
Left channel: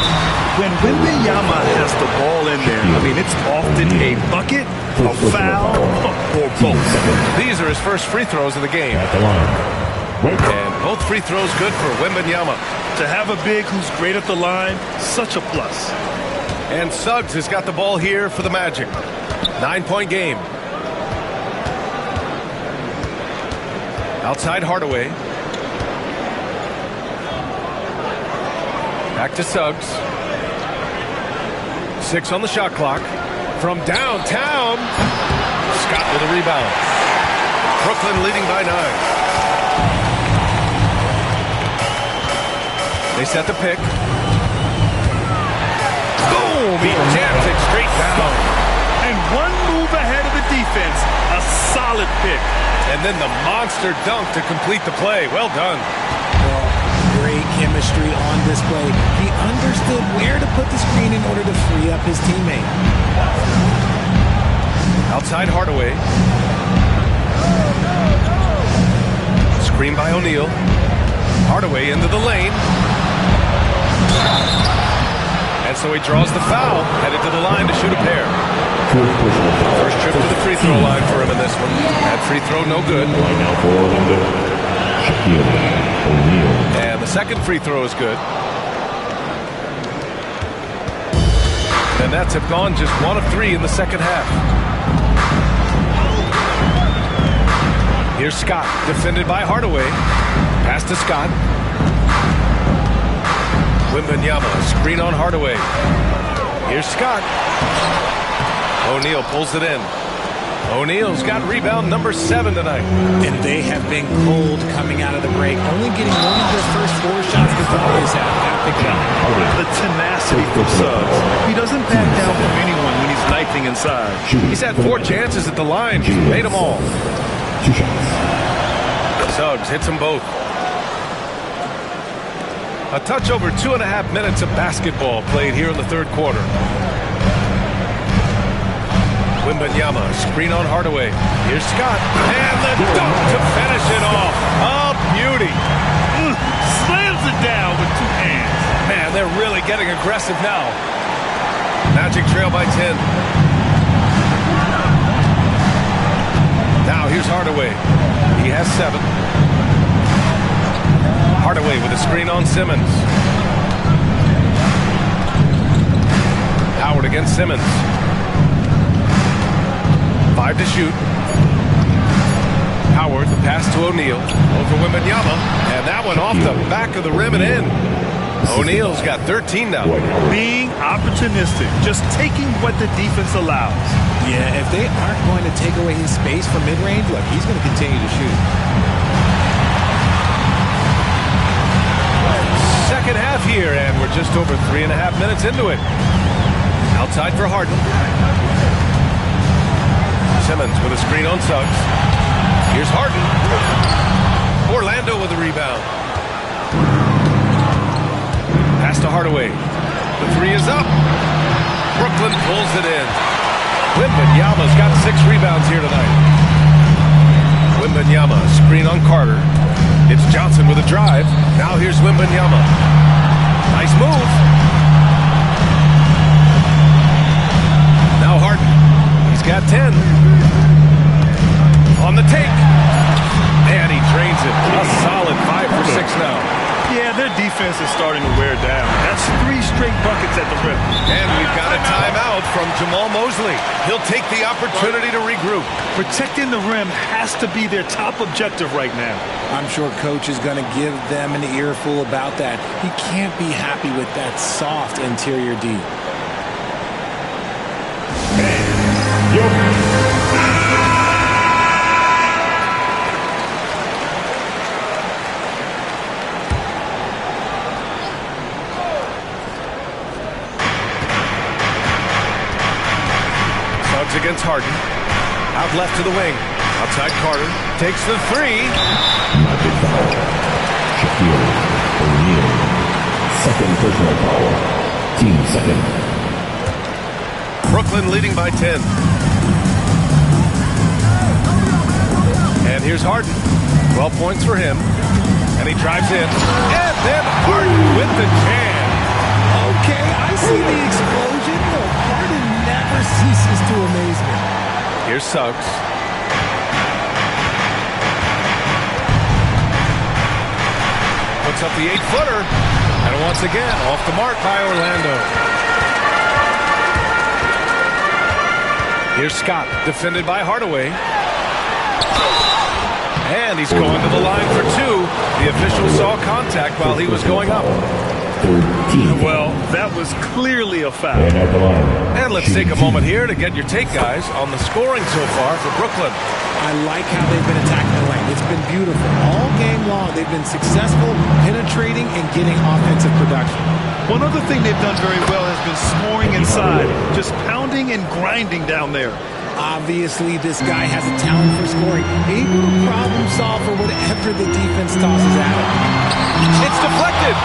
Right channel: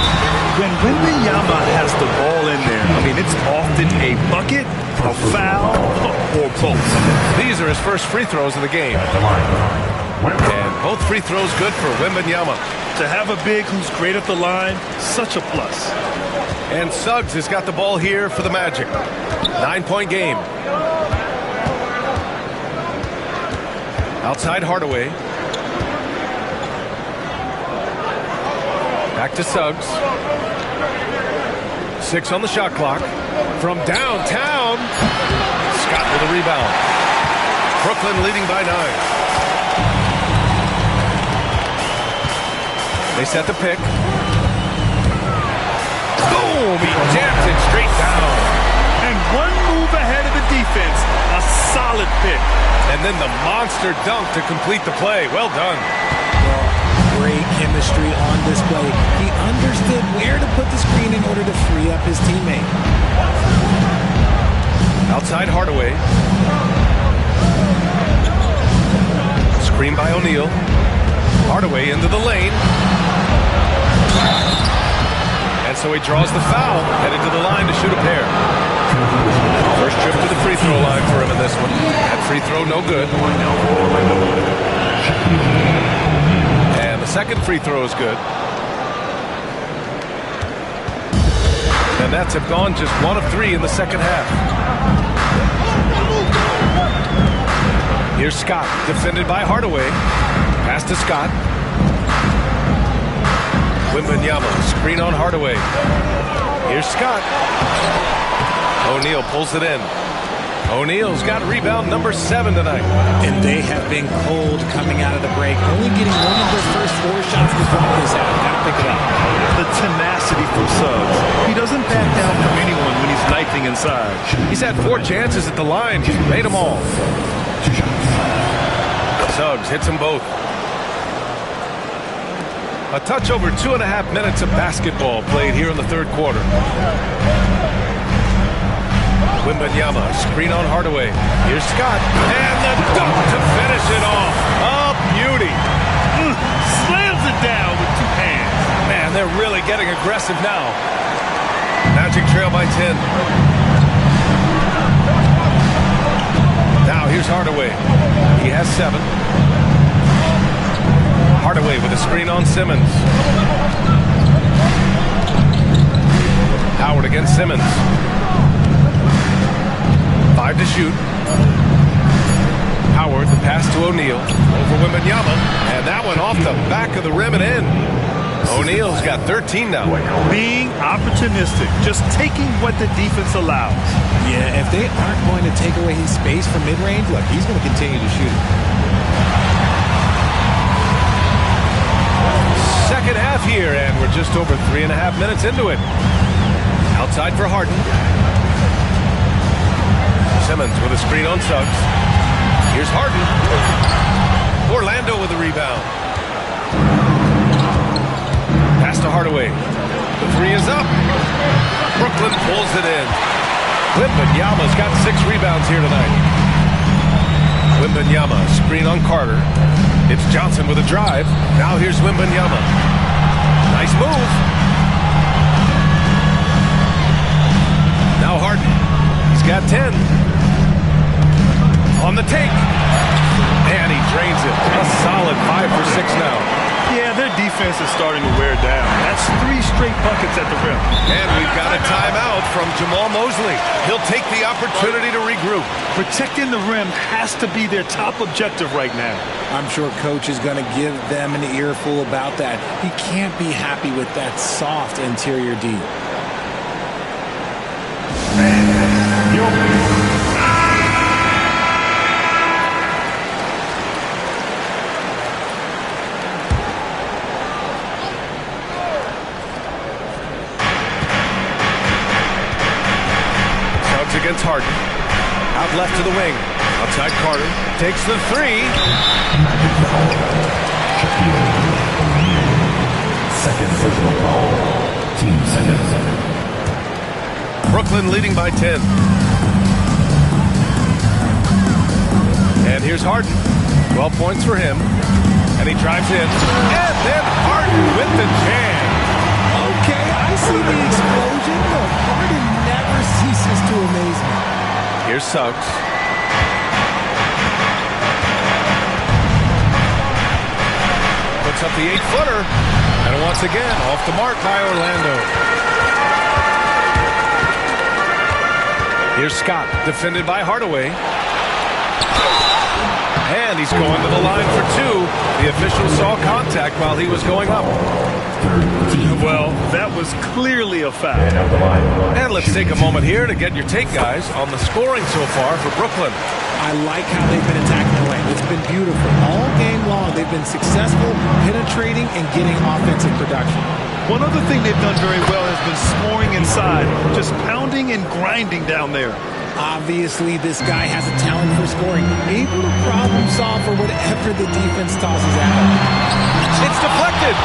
When Wembanyama has the ball in there, it's often a bucket, a foul, or both. These are his first free throws of the game. At the line. And both free throws good for Wembanyama. To have a big who's great at the line, such a plus. And Suggs has got the ball here for the Magic. 9-point game. Outside Hardaway. Back to Suggs. 6 on the shot clock. From downtown, Scott with a rebound. Brooklyn leading by 9. They set the pick. Boom! He jams it straight down. And one move ahead of the defense. A solid pick. And then the monster dunk to complete the play. Well done. Well, great chemistry on display. He understood where to put the screen in order to free up his teammate. Outside Hardaway. Screen by O'Neal. Hardaway into the lane. And so he draws the foul, headed to the line to shoot a pair. First trip to the free throw line for him in this one. That free throw no good. And the second free throw is good. The Nets have gone just 1 of 3 in the second half. Here's Scott, defended by Hardaway. Pass to Scott. Wembanyama, screen on Hardaway. Here's Scott. O'Neal pulls it in. O'Neal's got rebound number 7 tonight. And they have been cold coming out of the break. Only getting one of their first 4 shots to drop this half. Got to pick it up. The tenacity from Suggs. He doesn't back down from anyone when he's knifing inside. He's had 4 chances at the line. He's made them all. Suggs hits them both. A touch over 2.5 minutes of basketball played here in the third quarter. Wembanyama, screen on Hardaway. Here's Scott, and the dunk to finish it off. A beauty. Slams it down with 2 hands. Man, they're really getting aggressive now. Magic trail by 10. Now here's Hardaway. He has 7. Hardaway with a screen on Simmons. Howard against Simmons. 5 to shoot. Howard, the pass to O'Neal. Over Wembanyama. And that one off the back of the rim and in. O'Neal's got 13 now. Being opportunistic. Just taking what the defense allows. Yeah, if they aren't going to take away his space from mid-range, look, he's going to continue to shoot. Second half here, and we're just over 3.5 minutes into it. Outside for Harden. Simmons with a screen on Suggs. Here's Harden. Orlando with a rebound. Pass to Hardaway. The 3 is up. Brooklyn pulls it in. Wembanyama's got 6 rebounds here tonight. Wembanyama, screen on Carter. It's Johnson with a drive. Now here's Wembanyama. Nice move. Now Harden. He's got 10. On the take. And he drains it. A solid 5 for 6 now. Yeah, their defense is starting to wear down. That's 3 straight buckets at the rim. And we've got a timeout from Jamal Mosley. He'll take the opportunity to regroup. Protecting the rim has to be their top objective right now. I'm sure coach is going to give them an earful about that. He can't be happy with that soft interior D. Suggs against Harden. Out left to the wing. Outside Carter. Takes the 3. Second personal foul. Team second. Brooklyn leading by 10. And here's Harden. 12 points for him. And he drives in. And then Harden with the jam. Okay, I see the explosion. Look, Harden never ceases to amaze me. Here's Suggs. Puts up the 8-footer. And once again, off the mark by Orlando. Here's Scott, defended by Hardaway. And he's going to the line for 2. The official saw contact while he was going up. Well, that was clearly a foul. And let's take a moment here to get your take, guys, on the scoring so far for Brooklyn. I like how they've been attacking the lane. It's been beautiful. All game long, they've been successful penetrating and getting offensive production. One other thing they've done very well has been scoring inside, just pounding and grinding down there. Obviously, this guy has a talent for scoring. Able to problem solve for whatever the defense tosses at him. It's deflected.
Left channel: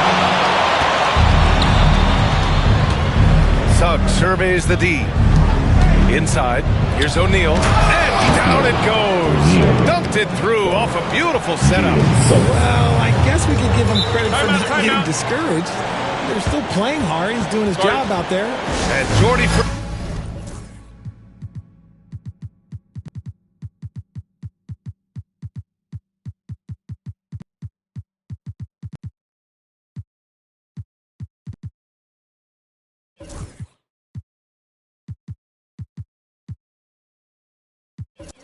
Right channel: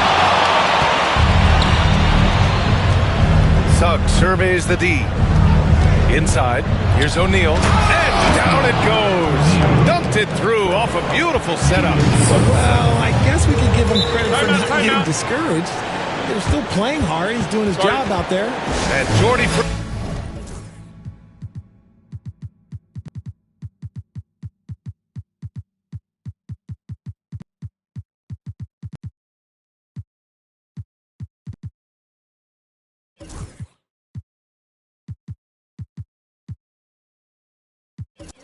Suggs surveys the D. Inside, here's O'Neal, and down it goes. Dunked it through off a beautiful setup. Well, I guess we could give him credit for not getting discouraged. They're still playing hard. He's doing his job out there. And Jordy...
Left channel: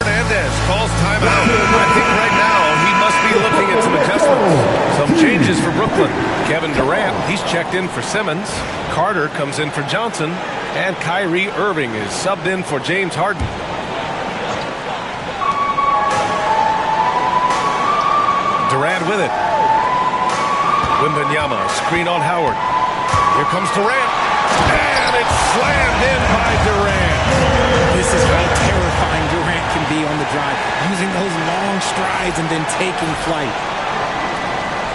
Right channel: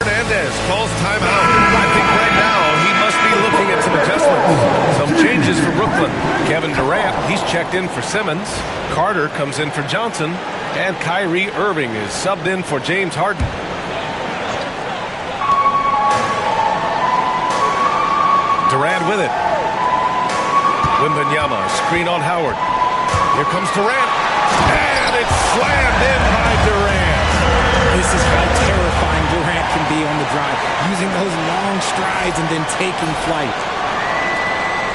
Hernandez calls timeout. I think right now he must be looking at some adjustments. Some changes for Brooklyn. Kevin Durant, he's checked in for Simmons. Carter comes in for Johnson. And Kyrie Irving is subbed in for James Harden. Durant with it. Wembanyama, screen on Howard. Here comes Durant. And it's slammed in by Durant. This is how terrifying Durant can be on the drive, using those long strides and then taking flight.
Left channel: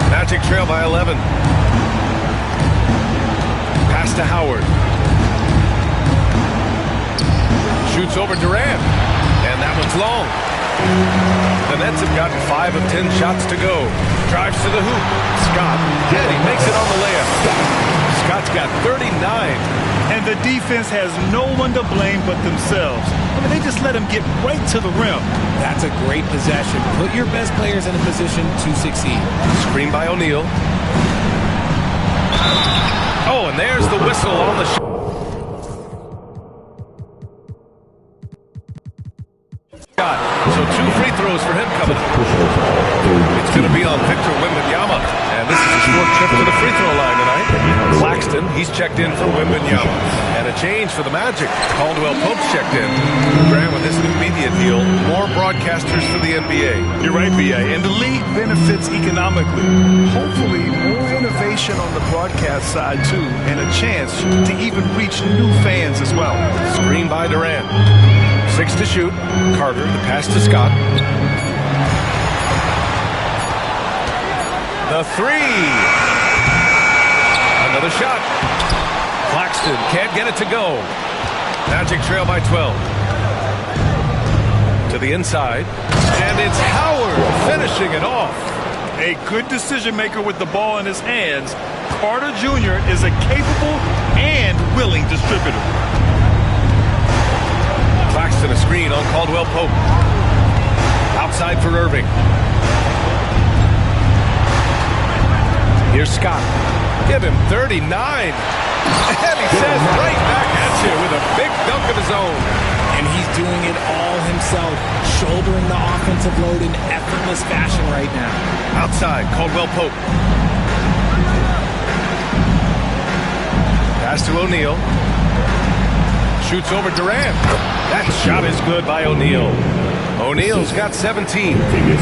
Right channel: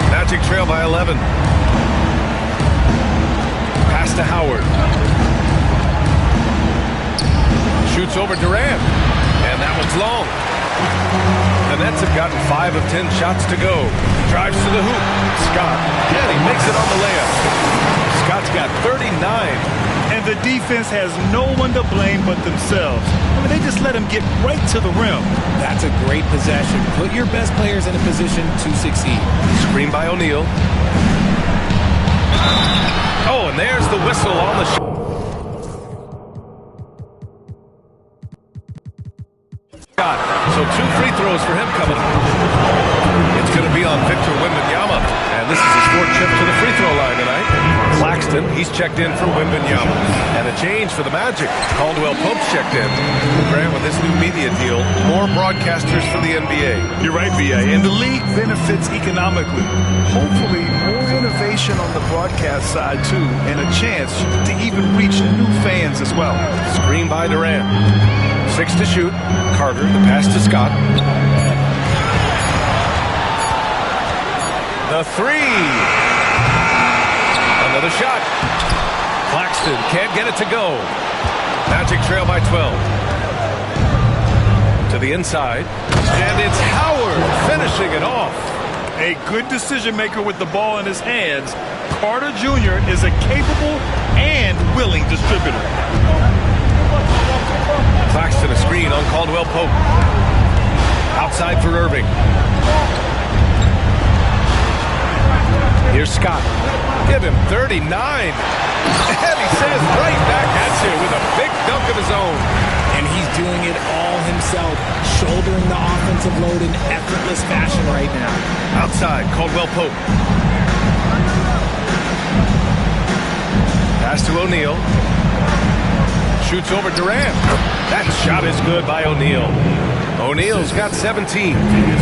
Magic trail by 11. Pass to Howard. Shoots over Durant. And that one's long. The Nets have gotten 5 of 10 shots to go. Drives to the hoop. Scott. And he makes it on the layup. Scott's got 39. And the defense has no one to blame but themselves. I mean, they just let him get right to the rim. That's a great possession. Put your best players in a position to succeed. Screen by O'Neal. Oh, and there's the whistle on the shot. So 2 free throws for him coming up. It's going to be on Victor Wembanyama. And this is his 4th trip to the free throw line tonight. Claxton, he's checked in for Wembanyama. And a change for the Magic. Caldwell Pope's checked in. Grant, with this new media deal, more broadcasters for the NBA. You're right, B.A. And the league benefits economically. Hopefully, more innovation on the broadcast side, too, and a chance to even reach new fans as well. Screen by Durant. 6 to shoot. Carter, the pass to Scott. The 3. Another shot. Claxton can't get it to go. Magic trail by 12. To the inside. And it's Howard finishing it off. A good decision maker with the ball in his hands. Carter Jr. is a capable and willing distributor. Claxton a screen on Caldwell Pope. Outside for Irving. Here's Scott. Give him 39. And he says right back at you with a big dunk of his own. And he's doing it all himself, shouldering the offensive load in effortless fashion right now. Outside, Caldwell Pope. Pass to O'Neal. Shoots over Durant. That shot is good by O'Neal. O'Neal's got 17.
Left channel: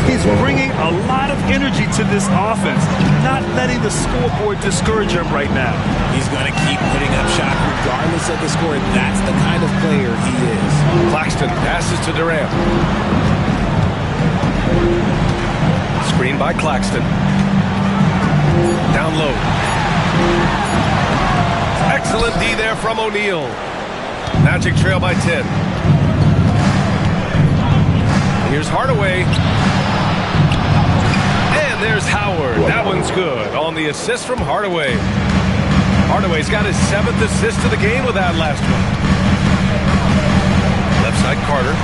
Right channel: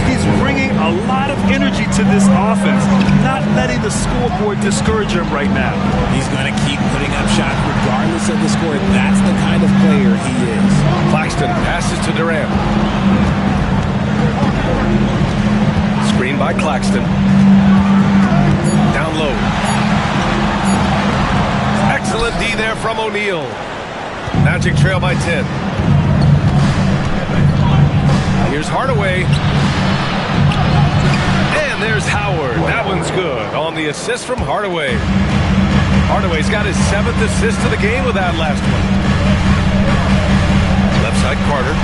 He's bringing a lot of energy to this offense, not letting the scoreboard discourage him right now. He's going to keep putting up shots regardless of the score. That's the kind of player he is. Claxton passes to Durant. Screen by Claxton. Down low. Excellent D there from O'Neal. Magic trail by 10. Here's Hardaway. And there's Howard. That one's good on the assist from Hardaway. Hardaway's got his 7th assist of the game with that last one. Left side, Carter.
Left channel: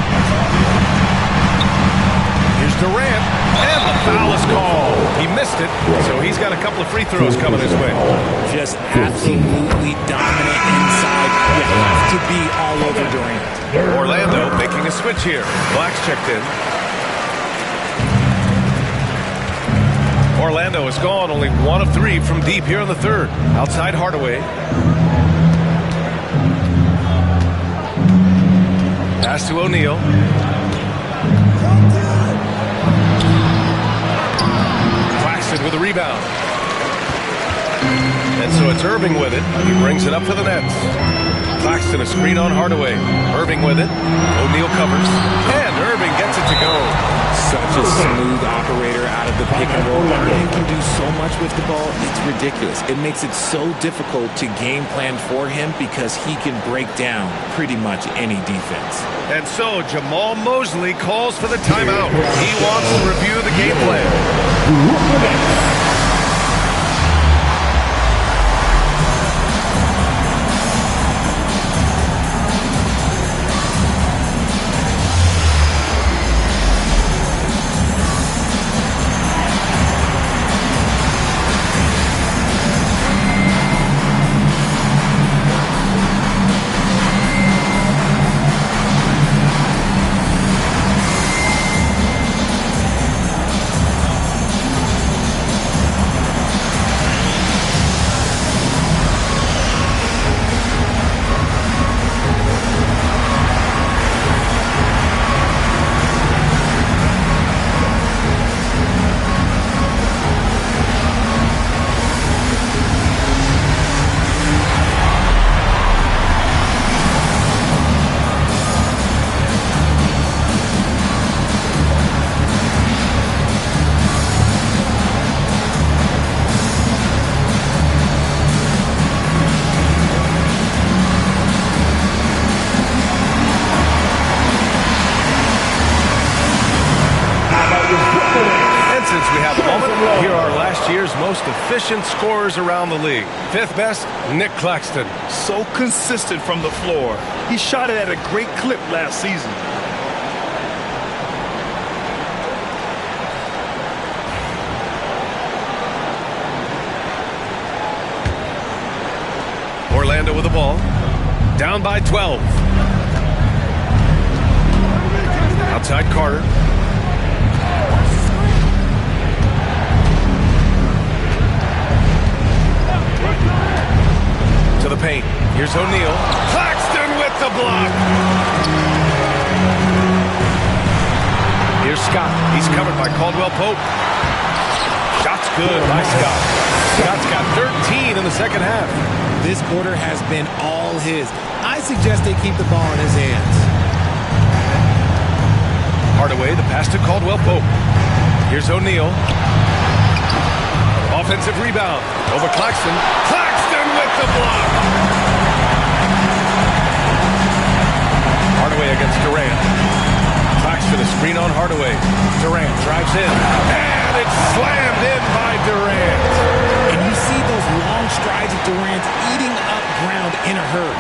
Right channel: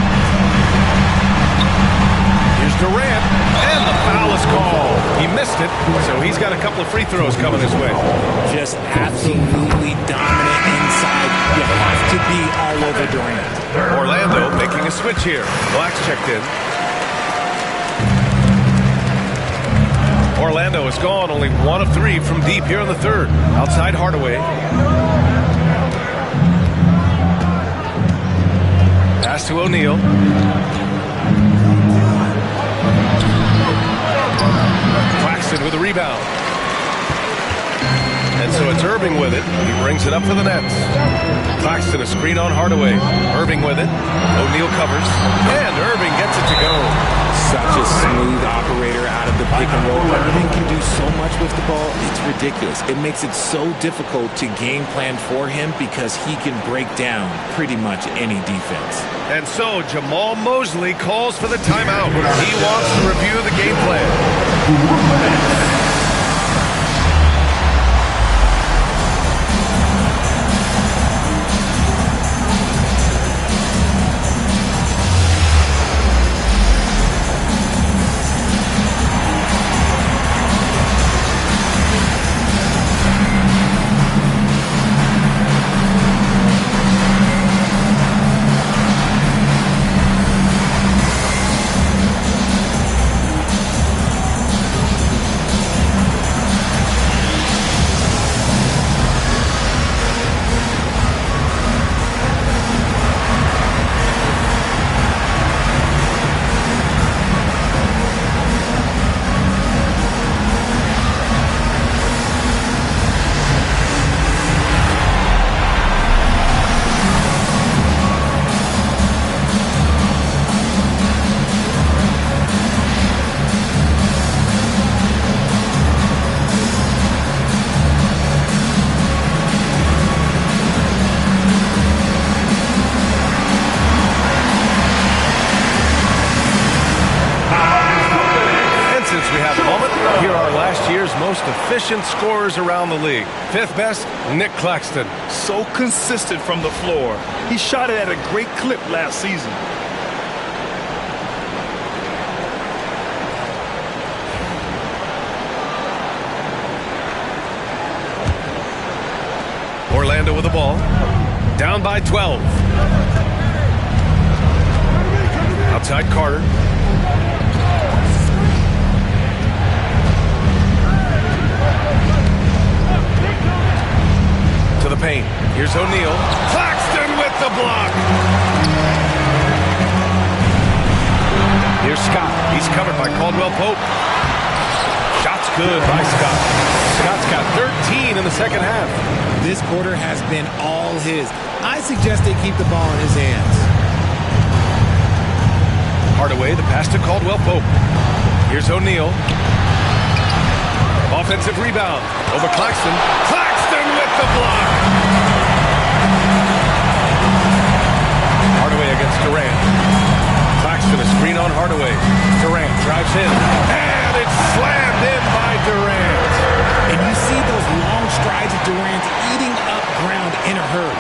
Here's Durant. And the foul is called. He missed it, so he's got a couple of free throws coming his way. Just absolutely dominant inside. You have to be all over Durant. Orlando making a switch here. Black's checked in. Orlando is gone, only 1 of 3 from deep here in the 3rd. Outside Hardaway. Pass to O'Neal. Claxton with a rebound. And so it's Irving with it. He brings it up for the Nets. Claxton a screen on Hardaway. Irving with it. O'Neal covers. And Irving gets it to go. Such a smooth operator out of the pick and roll. Irving can do so much with the ball. It's ridiculous. It makes it so difficult to game plan for him because he can break down pretty much any defense. And so Jamal Mosley calls for the timeout. He wants to review the game plan. Since we have a moment, here are last year's most efficient scorers around the league. Fifth best, Nick Claxton. So consistent from the floor. He shot it at a great clip last season. Orlando with the ball. Down by 12. Outside Carter. To the paint. Here's O'Neal. Claxton with the block. Here's Scott. He's covered by Caldwell Pope. Shot's good by Scott. Scott's got 13 in the second half. This quarter has been all his. I suggest they keep the ball in his hands. Hardaway, the pass to Caldwell Pope. Here's O'Neal. Offensive rebound. Over Claxton. Claxton with the block. Hardaway against Durant. Claxton a screen on Hardaway. Durant drives in. And it's slammed in by Durant. And you see those long strides of Durant eating up ground in a hurry.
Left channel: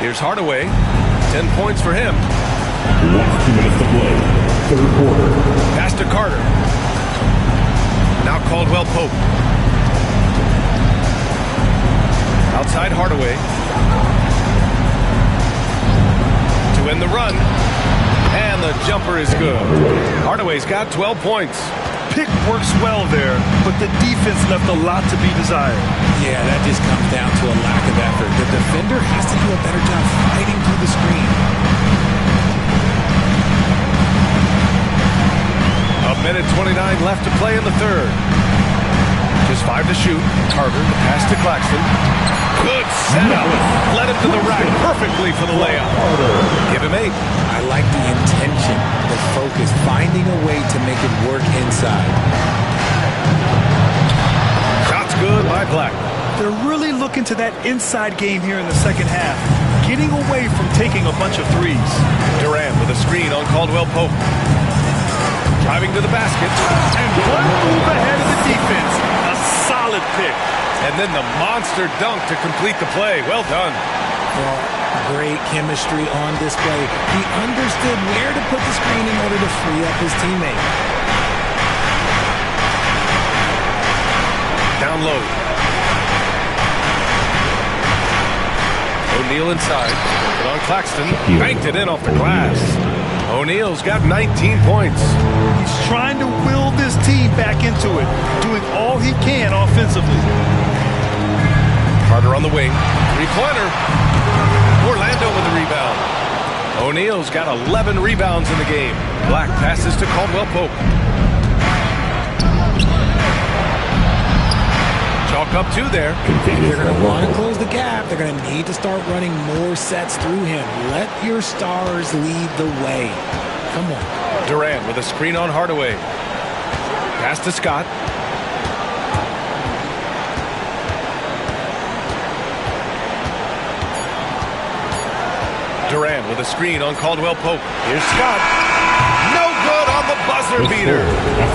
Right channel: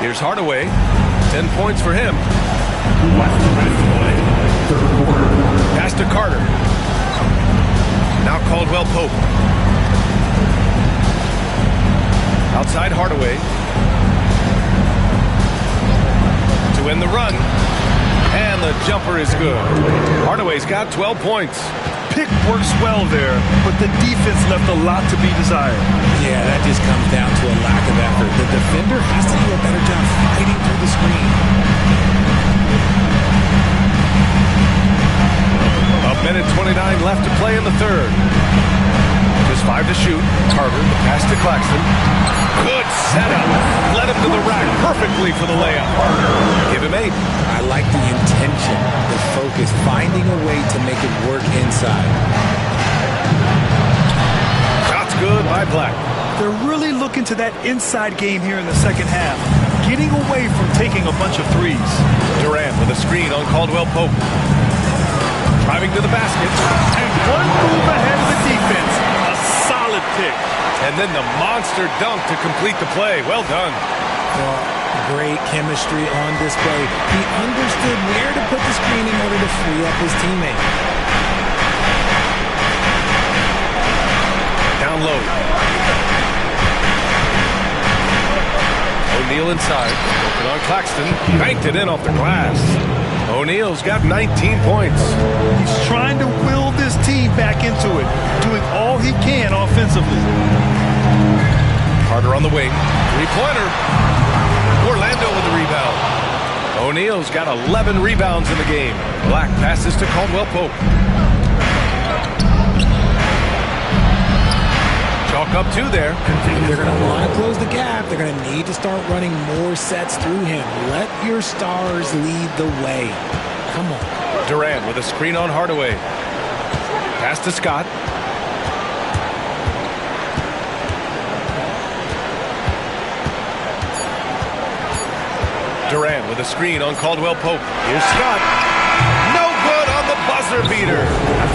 Here's Hardaway. 10 points for him. Last 2 minutes to play. Third quarter. Pass to Carter. Now Caldwell Pope. Outside Hardaway. To end the run. And the jumper is good. Hardaway's got 12 points. Pick works well there, but the defense left a lot to be desired. Yeah, that just comes down to a lack of effort. The defender has to do a better job fighting through the screen. A minute 29 left to play in the third. Just 5 to shoot. Carter, the pass to Claxton. Good setup. Led him to the rack perfectly for the layup. Give him 8. I like the intention, the focus, finding a way to make it work inside. Shot's good by Black. They're really looking to that inside game here in the second half, getting away from taking a bunch of threes. Durant with a screen on Caldwell Pope. Driving to the basket. And one move ahead of the defense. A solid pick. And then the monster dunk to complete the play. Well done. Well, great chemistry on display. He understood where to put the screen in order to free up his teammate. Down low. O'Neal inside. Put on Claxton. Banked it in off the glass. O'Neal's got 19 points. He's trying to will this team back into it, doing all he can offensively. Carter on the wing. 3-pointer. Orlando with the rebound. O'Neal's got 11 rebounds in the game. Black passes to Caldwell Pope. Chalk up 2 there. They're going to want to close the gap. They're going to need to start running more sets through him. Let your stars lead the way. Come on. Durant with a screen on Hardaway. Pass to Scott. Durant with a screen on Caldwell Pope. Here's Scott. No good on the buzzer beater.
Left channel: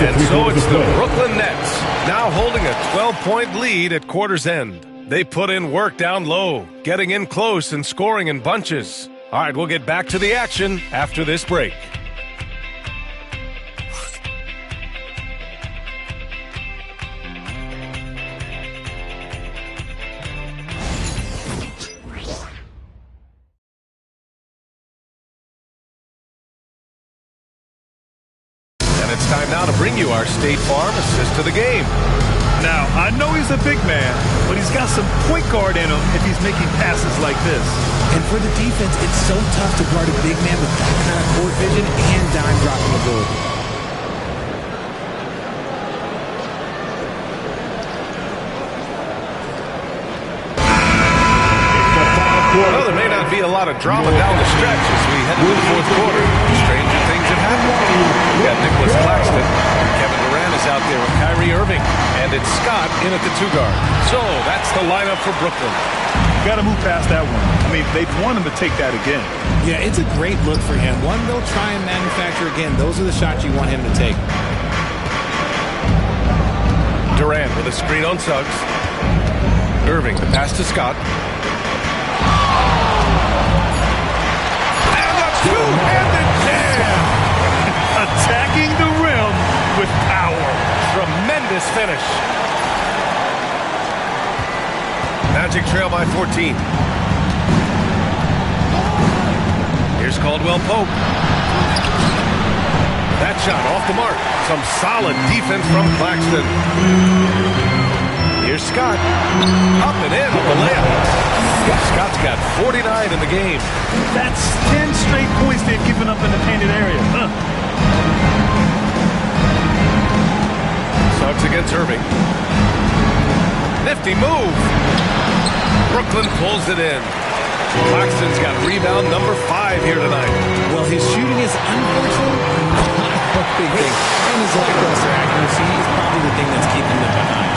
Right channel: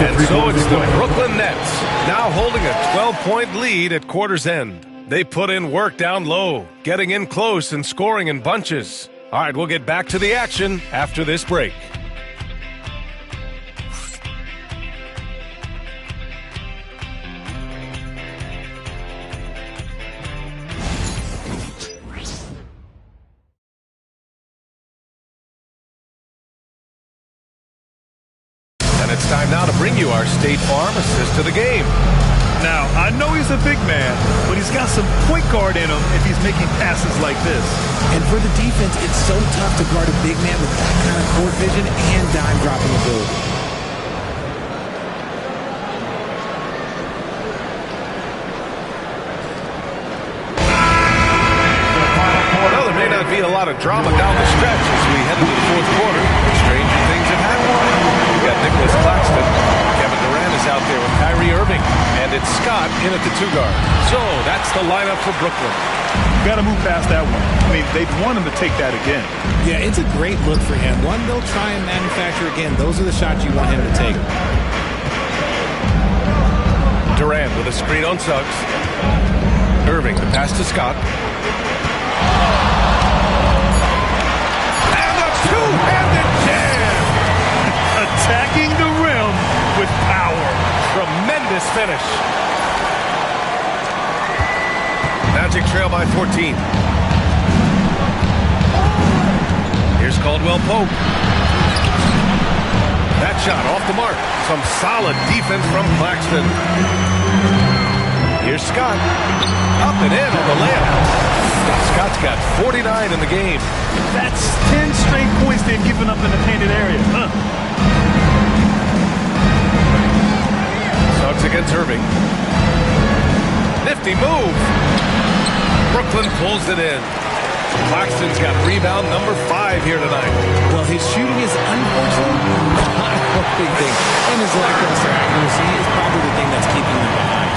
And so it's the Brooklyn Nets, now holding a 12-point lead at quarter's end. They put in work down low, getting in close and scoring in bunches. All right, we'll get back to the action after this break. And it's time now to bring you our State Farm assist to the game. Now, I know he's a big man, but he's got some point guard in him if he's making passes like this. And for the defense, it's so tough to guard a big man with that kind of court vision and dime dropping ability. Well, there may not be a lot of drama down the stretch as we head into the fourth quarter. Stranger things have happened. We've got Nicholas Claxton. Kevin Durant is out there with Kyrie Irving. And it's Scott in at the 2-guard. So that's the lineup for Brooklyn. Got to move past that one. I mean, they'd want him to take that again. Yeah, it's a great look for him. One they'll try and manufacture again. Those are the shots you want him to take. Durant with a screen on Suggs. Irving, the pass to Scott. Two-handed jam! Attacking the rim with power. Tremendous finish. Magic trail by 14. Here's Caldwell Pope. That shot off the mark. Some solid defense from Claxton. Here's Scott. Up and in on the layup. Scott's got 49 in the game. That's 10 straight points they've given up in the painted area. Suggs against Irving. Nifty move. Brooklyn pulls it in. Claxton's got rebound number 5 here tonight. Well, his shooting is unfortunately not a big thing. And his lackluster accuracy is probably the thing that's keeping them behind.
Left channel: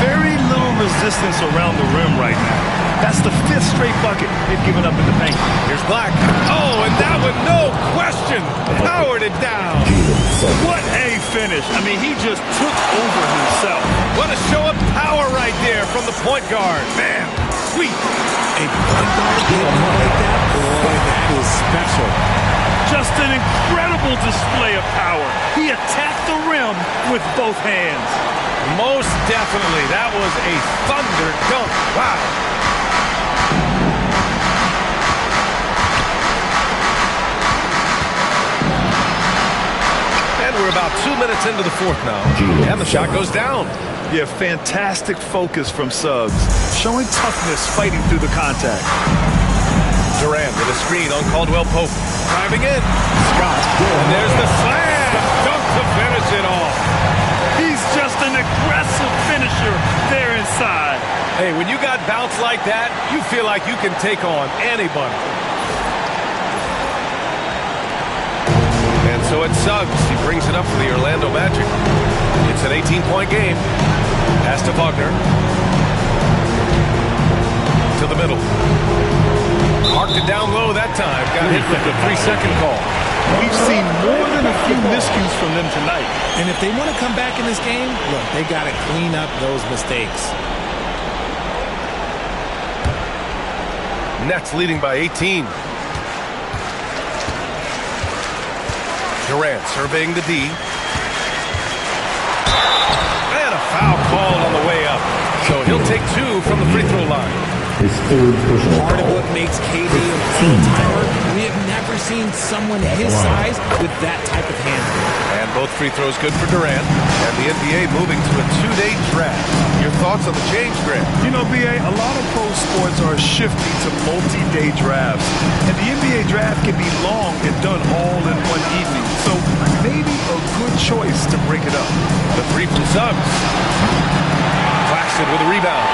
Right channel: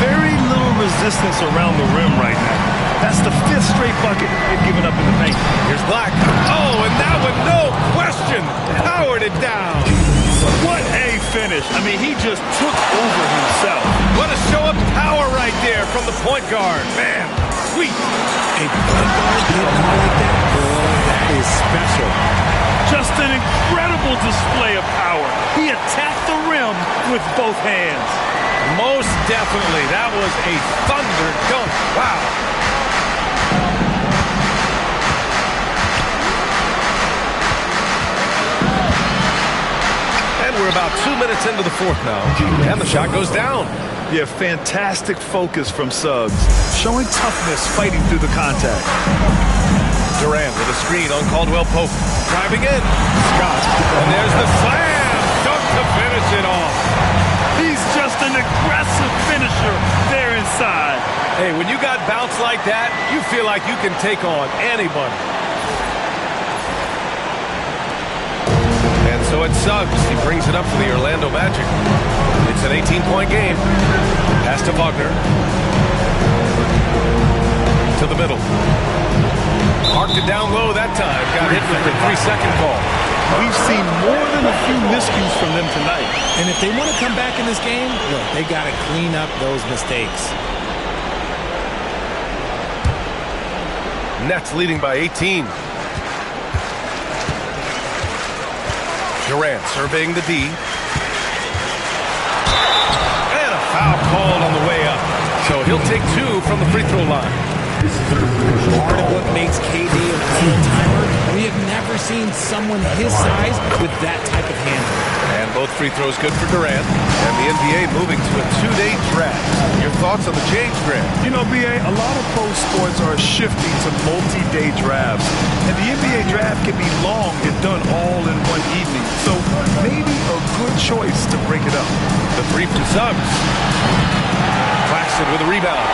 Very little resistance around the rim right now. That's the 5th straight bucket they've given up in the paint. Here's Black. Oh, and that one, no question, powered it down. What a finish. I mean, he just took over himself. What a show of power right there from the point guard. Man, sweet. A point guard hitting up like that, boy, that is special. Just an incredible display of power. He attacked the rim with both hands. Most definitely. That was a thunder dunk. Wow. And we're about 2 minutes into the fourth now. And the shot goes down. Yeah, fantastic focus from Suggs. Showing toughness, fighting through the contact. Durant with a screen on Caldwell Pope. Driving in. Scott. And there's the slam. Dunk to finish it off. He's just an aggressive finisher there inside. Hey, when you got bounce like that, you feel like you can take on anybody. And so it's Suggs. He brings it up for the Orlando Magic. It's an 18-point game. Pass to Wagner. To the middle. Parked it down low that time. Got hit with the 3-second call. We've seen more than a few miscues from them tonight. And if they want to come back in this game, look, they got to clean up those mistakes. Nets leading by 18. Durant surveying the D. And a foul called on the way up. So he'll take 2 from the free throw line. his third personal Part of foul. what makes KD an all-timer, we have never seen someone his size with that type of handle. And both free throws good for Durant. And the NBA moving to a 2-day draft. Your thoughts on the change, Grant? You know, BA, a lot of pro sports are shifting to multi-day drafts. And the NBA draft can be long if done all in one evening. So maybe a good choice to break it up. The three from Suggs. Claxton with a rebound.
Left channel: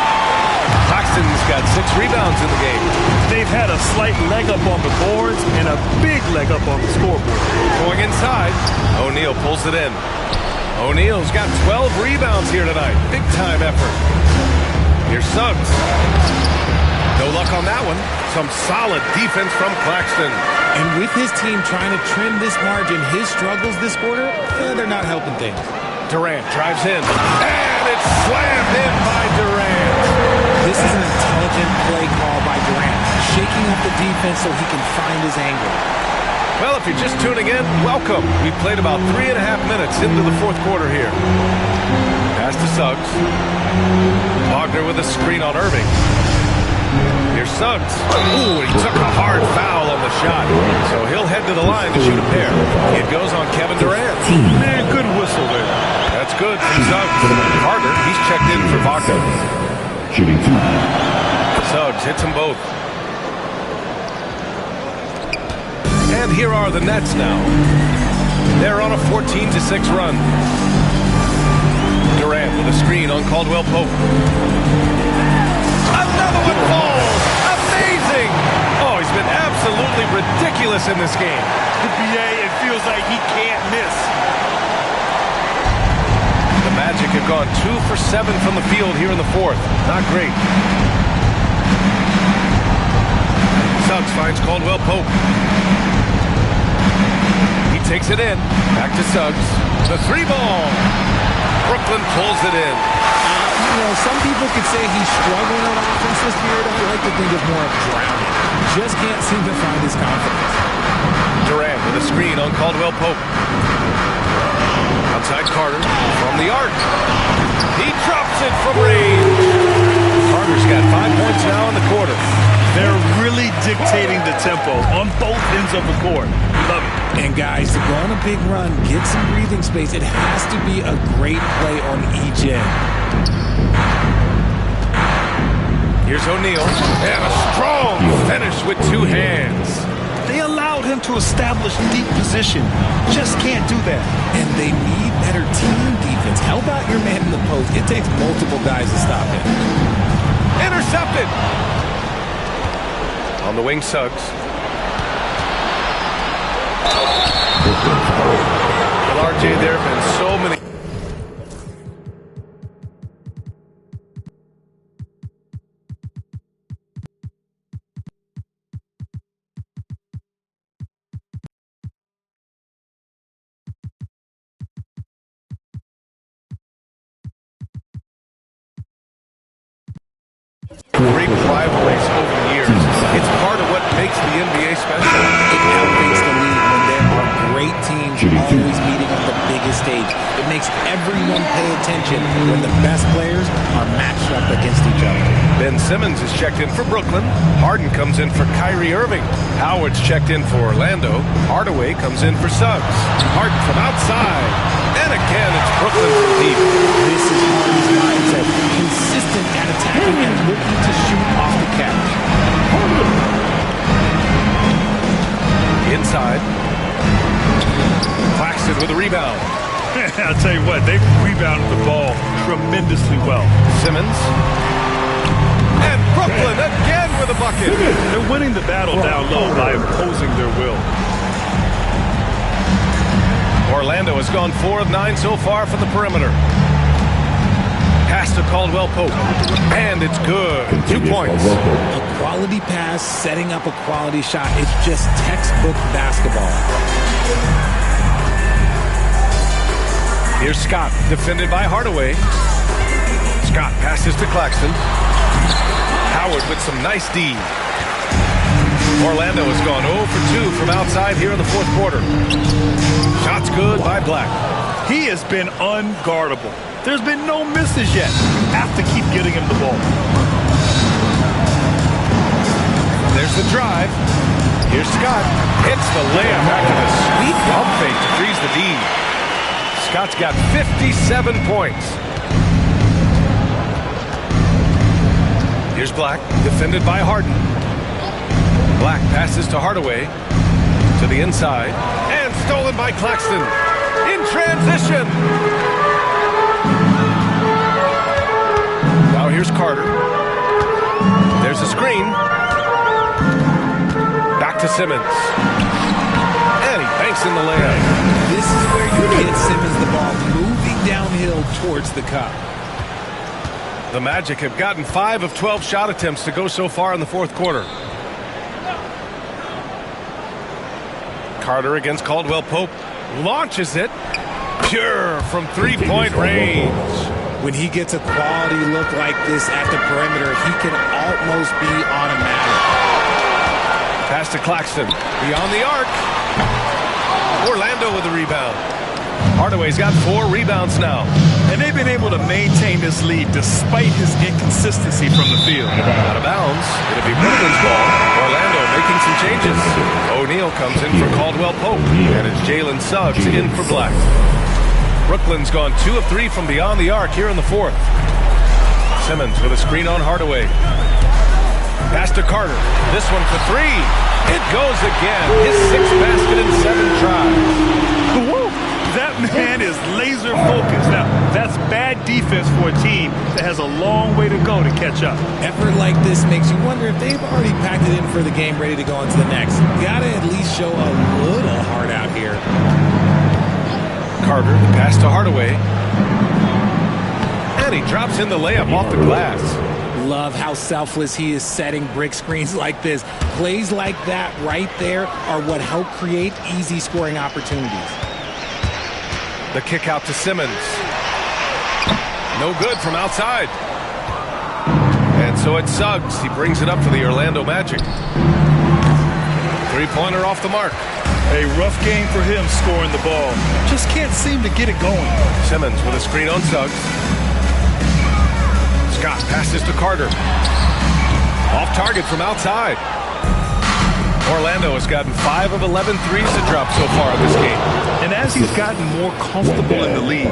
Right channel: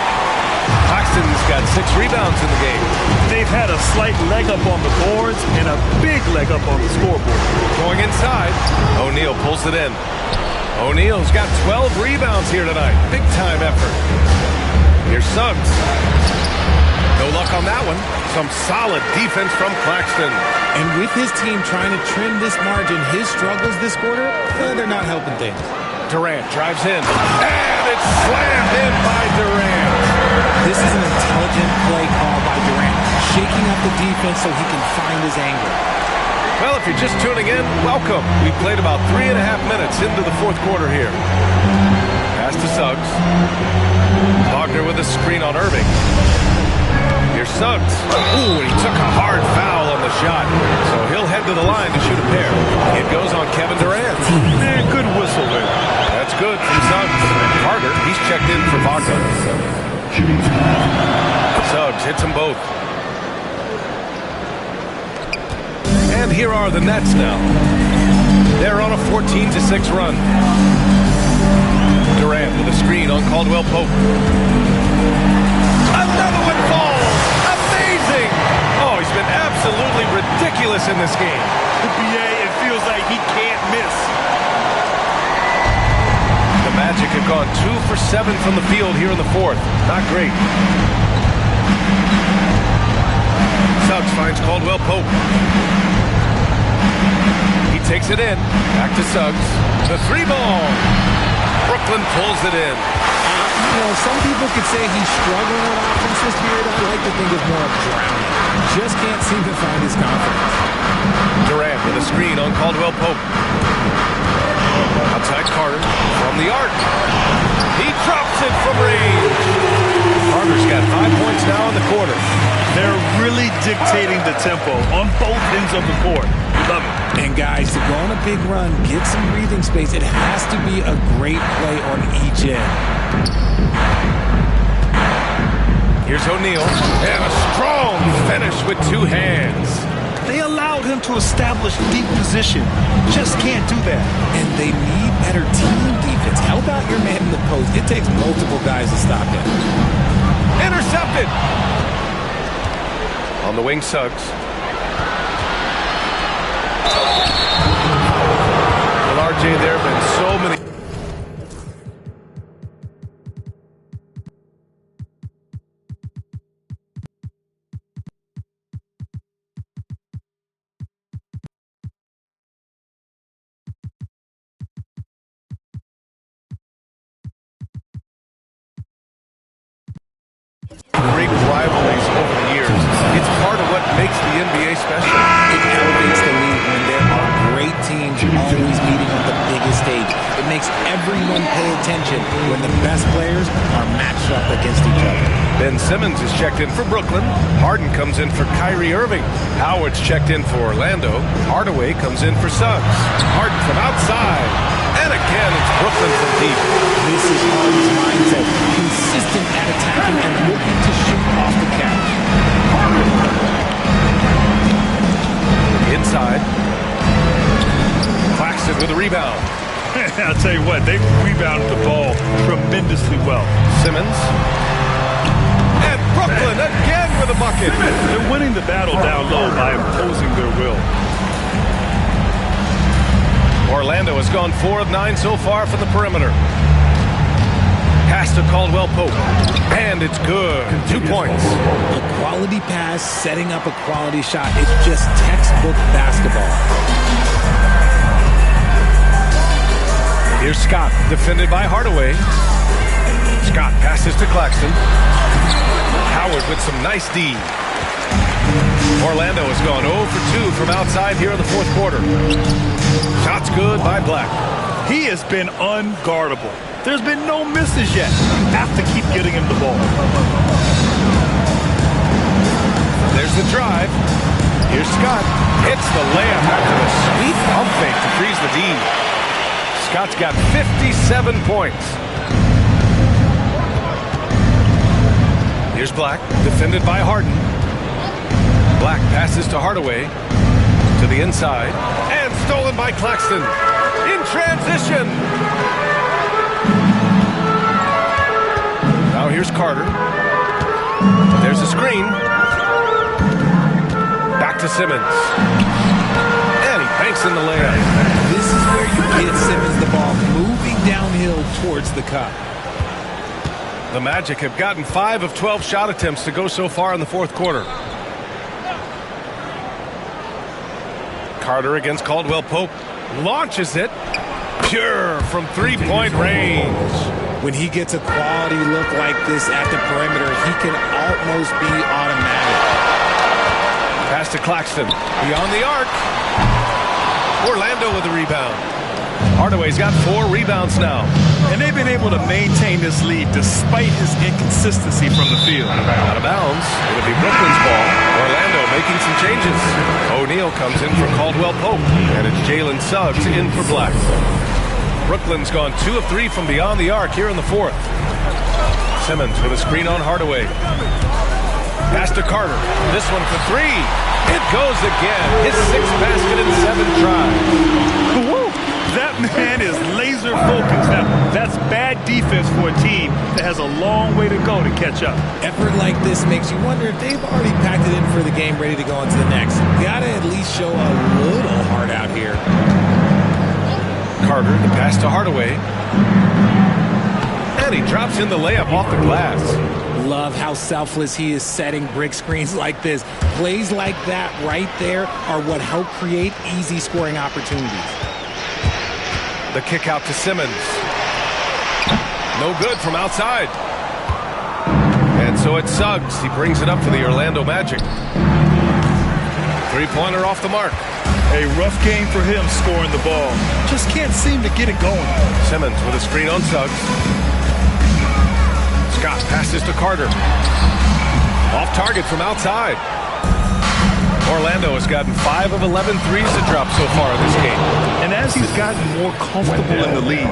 Claxton's got 6 rebounds in the game. They've had a slight leg up on the boards and a big leg up on the scoreboard. Going inside. O'Neal pulls it in. O'Neal's got 12 rebounds here tonight. Big time effort. Here's Suggs. No luck on that one. Some solid defense from Claxton. And with his team trying to trim this margin, his struggles this quarter, they're not helping things. Durant drives in. And it's slammed in by Durant. This is an intelligent play call by Durant, shaking up the defense so he can find his angle. Well, if you're just tuning in, welcome. We've played about 3.5 minutes into the fourth quarter here. Pass to Suggs. Wagner with a screen on Irving. Here's Suggs. Ooh, and he took a hard foul on the shot. So he'll head to the line to shoot a pair. It goes on Kevin Durant. Man, good whistle there. That's good from Suggs. Carter, he's checked in for Wagner. Shooting 2. Suggs hits them both. And here are the Nets now. They're on a 14-6 run. Durant with a screen on Caldwell Pope. Another one falls! Amazing! Oh, he's been absolutely ridiculous in this game. The BA, it feels like he can't miss. The Magic have gone 2 for 7 from the field here in the fourth. Not great. Suggs finds Caldwell Pope. He takes it in. Back to Suggs. The 3-ball. Brooklyn pulls it in. You know, some people could say he's struggling on offense this period. I like to think of more of drowning. Just can't seem to find his confidence. Durant with a screen on Caldwell Pope. Outside Carter from the arc. He drops it from range. Carter's got 5 points now in the quarter. They're really dictating the tempo on both ends of the court. Love it. And guys, to go on a big run, get some breathing space, it has to be a great play on each end. Here's O'Neal. And a strong finish with 2 hands. They allowed him to establish deep position. Just can't do that. And they need better team defense. Help out your man in the post. It takes multiple guys to stop him. Intercepted. On the wing, Suggs. Well, RJ, there have been so many. Great rivalries over the years. It's part of what makes the NBA special. It elevates the league when there are great teams always meeting on the biggest stage. It makes everyone pay attention when the best players are matched up against each other. Ben Simmons is checked in for Brooklyn. Harden comes in for Kyrie Irving. Howard's checked in for Orlando. Hardaway comes in for Suggs. Harden from outside. And again, it's Brooklyn from deep. This is Harden's mindset. Consistent at attacking and looking to shoot off the catch. Inside. Claxton with a rebound. I'll tell you what, they've rebounded the ball tremendously well. Simmons. And Brooklyn again with a bucket. They're winning the battle down low by imposing their will. Orlando has gone 4 of 9 so far from the perimeter. Pass to Caldwell Pope. And it's good. 2 points. A quality pass, setting up a quality shot. It's just textbook basketball. Here's Scott, defended by Hardaway. Scott passes to Claxton. Howard with some nice D. Orlando has gone 0 for 2 from outside here in the fourth quarter. Shots good by Black. He has been unguardable. There's been no misses yet. You have to keep getting him the ball. the drive. Here's Scott. Hits the layup after the sweet pump fake to freeze the D. Scott's got 57 points. Here's Black, defended by Harden. Black passes to Hardaway. To the inside. And stolen by Claxton. In transition. Now here's Carter. There's a screen. Back to Simmons. And he banks in the layup. This is where you get Simmons the ball moving downhill towards the cup. The Magic have gotten 5 of 12 shot attempts to go so far in the fourth quarter. Carter against Caldwell Pope. Launches it. Pure from three-point range. When he gets a quality look like this at the perimeter, he can almost be automatic. Pass to Claxton. Beyond the arc. Orlando with the rebound. Hardaway's got 4 rebounds now. And they've been able to maintain this lead despite his inconsistency from the field. Out of bounds. It'll be Brooklyn's ball. Orlando making some changes. O'Neal comes in for Caldwell Pope. And it's Jalen Suggs in for Black. Brooklyn's gone 2 of 3 from beyond the arc here in the fourth. Simmons with a screen on Hardaway. Pass to Carter. This one for 3. It goes again. His 6th basket in 7 tries. Woo! That man is laser focused. Now, that's bad defense for a team that has a long way to go to catch up. Effort like this makes you wonder if they've already packed it in for the game, ready to go on to the next. Gotta at least show a little heart out here. Carter, the pass to Hardaway. And he drops in the layup off the glass. Love how selfless he is setting brick screens like this. Plays like that right there are what help create easy scoring opportunities. The kick out to Simmons. No good from outside. And so it's Suggs. He brings it up for the Orlando Magic. Three-pointer off the mark. A rough game for him scoring the ball. Just can't seem to get it going. Simmons with a screen on Suggs. Scott passes to Carter. Off target from outside. Orlando has gotten 5 of 11 threes to drop so far in this game. And as he's gotten more comfortable in the league,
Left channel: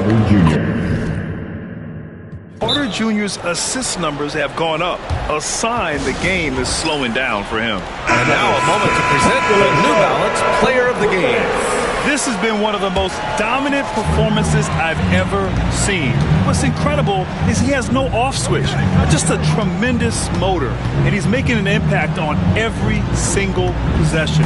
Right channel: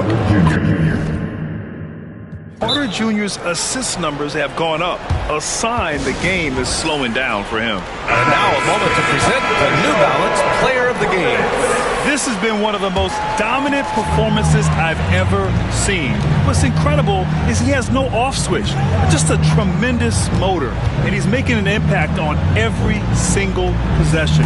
Carter Jr.'s assist numbers have gone up, a sign the game is slowing down for him. And now a moment to present the New Balance Player of the Game. This has been one of the most dominant performances I've ever seen. What's incredible is he has no off switch, just a tremendous motor, and he's making an impact on every single possession.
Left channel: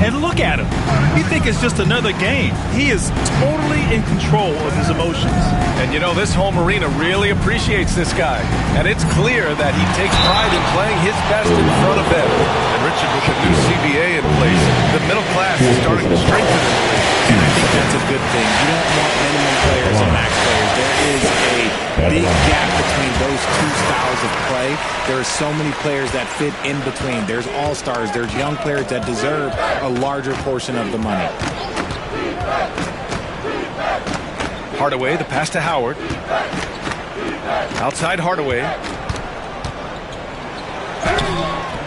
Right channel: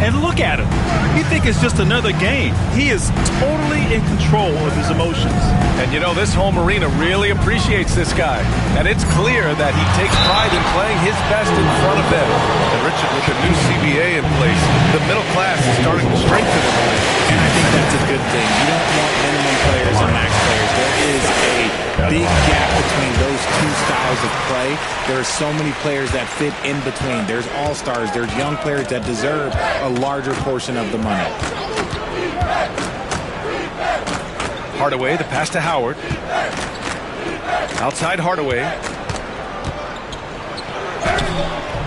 And look at him. You think it's just another game. He is totally in control of his emotions. And you know, this home arena really appreciates this guy. And it's clear that he takes pride in playing his best in front of them. And Richard, with the new CBA in place, the middle class is starting to strengthen in the league. And I think that's a good thing. You don't want minimum players and max players. There is a big gap between those two styles of play. There are so many players that fit in between. There's all-stars. There's young players that deserve a larger portion of the money. Hardaway, the pass to Howard. Outside Hardaway.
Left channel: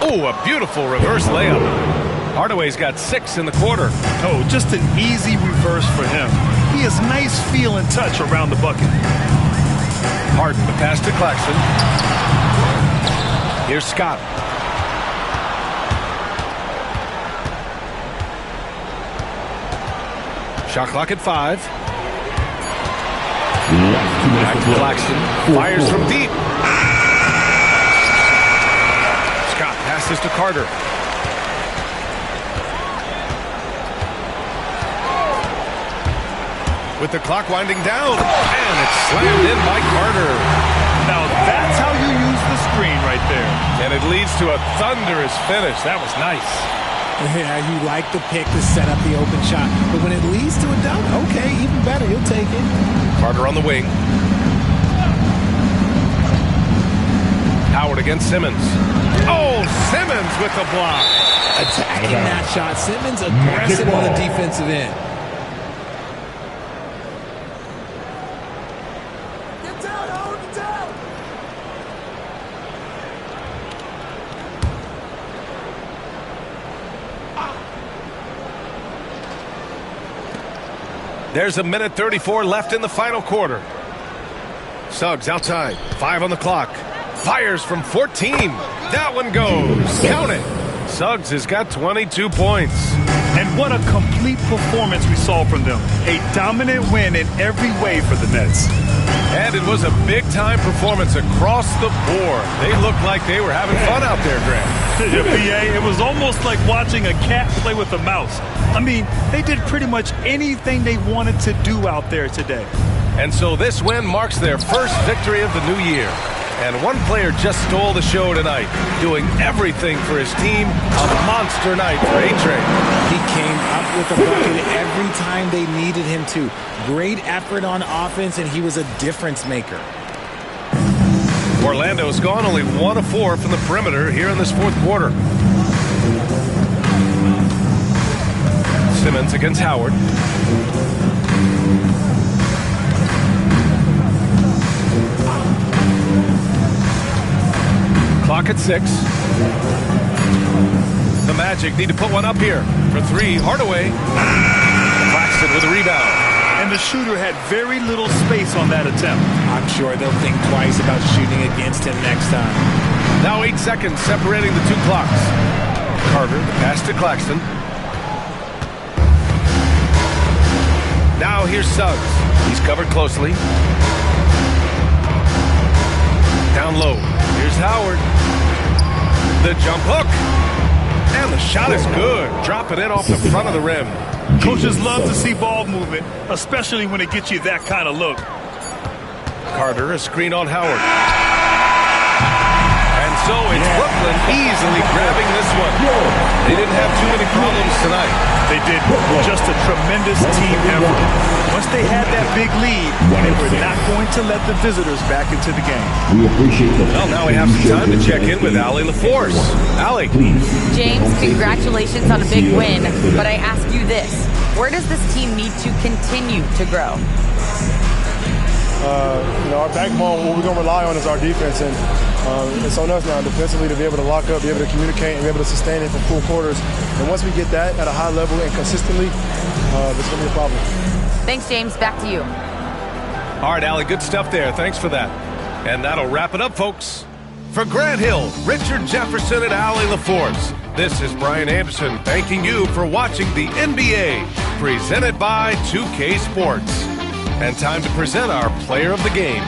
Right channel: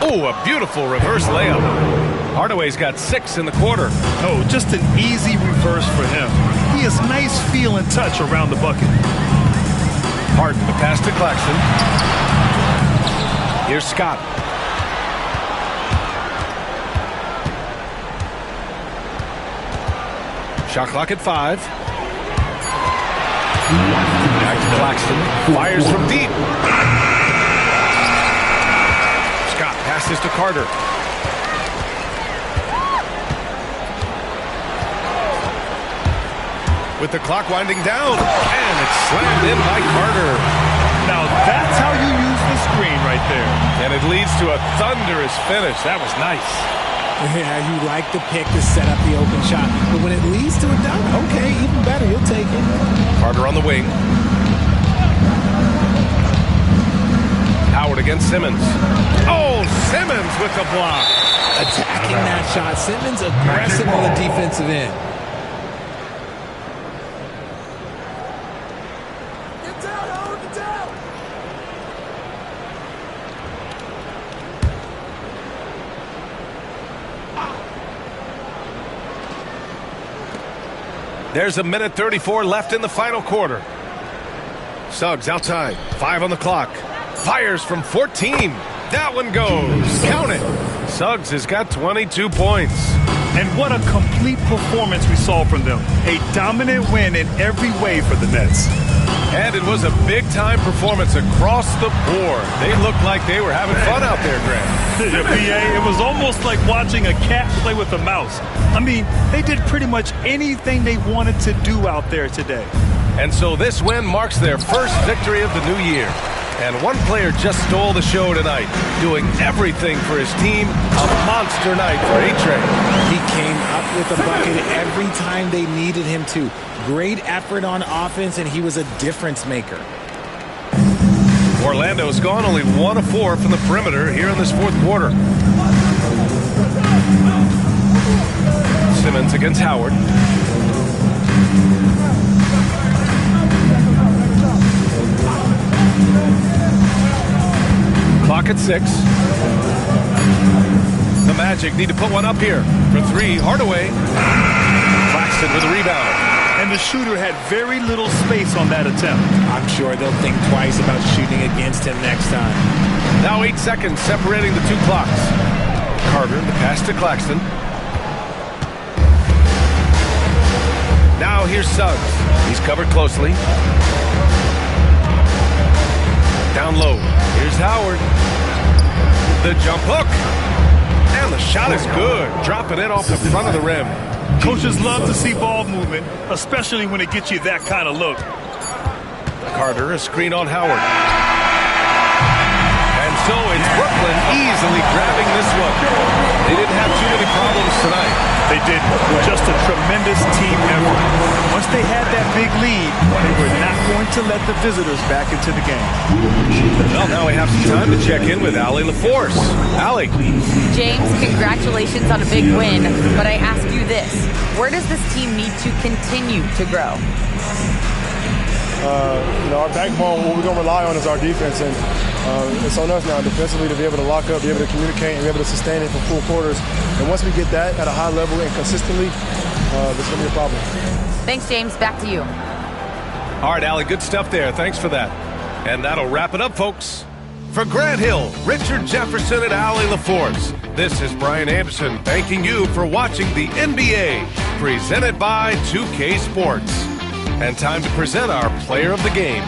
Oh, a beautiful reverse layup. Hardaway's got 6 in the quarter. Oh, just an easy reverse for him. He has nice feel and touch around the bucket. Harden, the pass to Claxton. Here's Scott. Shot clock at 5. Back to Claxton. Fires from deep. Scott passes to Carter. With the clock winding down. And it's slammed in by Carter. Now that's how you use the screen right there. And it leads to a thunderous finish. That was nice. Yeah, you like the pick to set up the open shot. But when it leads to a dunk, okay, even better. You'll take it. Carter on the wing. Howard against Simmons. Oh, Simmons with the block. Attacking that shot. Simmons aggressive on the defensive end. There's a minute 34 left in the final quarter. Suggs outside. 5 on the clock. Fires from 14. That one goes. Count it. Suggs has got 22 points. And what a complete performance we saw from them. A dominant win in every way for the Nets. And it was a big-time performance across the board. They looked like they were having fun out there, Grant. Yeah, PA, it was almost like watching a cat play with a mouse. I mean, they did pretty much anything they wanted to do out there today. And so this win marks their first victory of the new year. And one player just stole the show tonight, doing everything for his team. A monster night for A-Train. He came up with a bucket every time they needed him to. Great effort on offense, and he was a difference maker. Orlando's gone only 1 of 4 from the perimeter here in this fourth quarter. Simmons against Howard. Clock at 6. The Magic need to put one up here. For 3, Hardaway. Claxton with a rebound. And the shooter had very little space on that attempt. I'm sure they'll think twice about shooting against him next time. Now 8 seconds separating the two clocks. Carter, the pass to Claxton. Now here's Suggs. He's covered closely. Down low. Here's Howard. The jump hook. And the shot is good. Dropping it off the front of the rim. Coaches love to see ball movement, especially when it gets you that kind of look. Carter, a screen on Howard. And so it's Brooklyn easily grabbing this one. They didn't have too many problems tonight. They did. Just a tremendous team effort. Once they had that big lead, they were not going to let the visitors back into the game. We appreciate that. Well, now we have some time to check in with Allie LaForce. Allie. James, congratulations on a big win, but I ask you this. Where does this team need to continue to grow? Our backbone, what we're going to rely on is our defense, and it's on us now defensively to be able to lock up, be able to communicate, and be able to sustain it for full quarters. And once we get that at a high level and consistently, it's going to be a problem. Thanks, James. Back to you. All right, Allie, good stuff there. Thanks for that. And that'll wrap it up, folks. For Grant Hill, Richard Jefferson, and Allie LaForce, this is Brian Anderson thanking you for watching the NBA, presented by 2K Sports. And time to present our player of the game.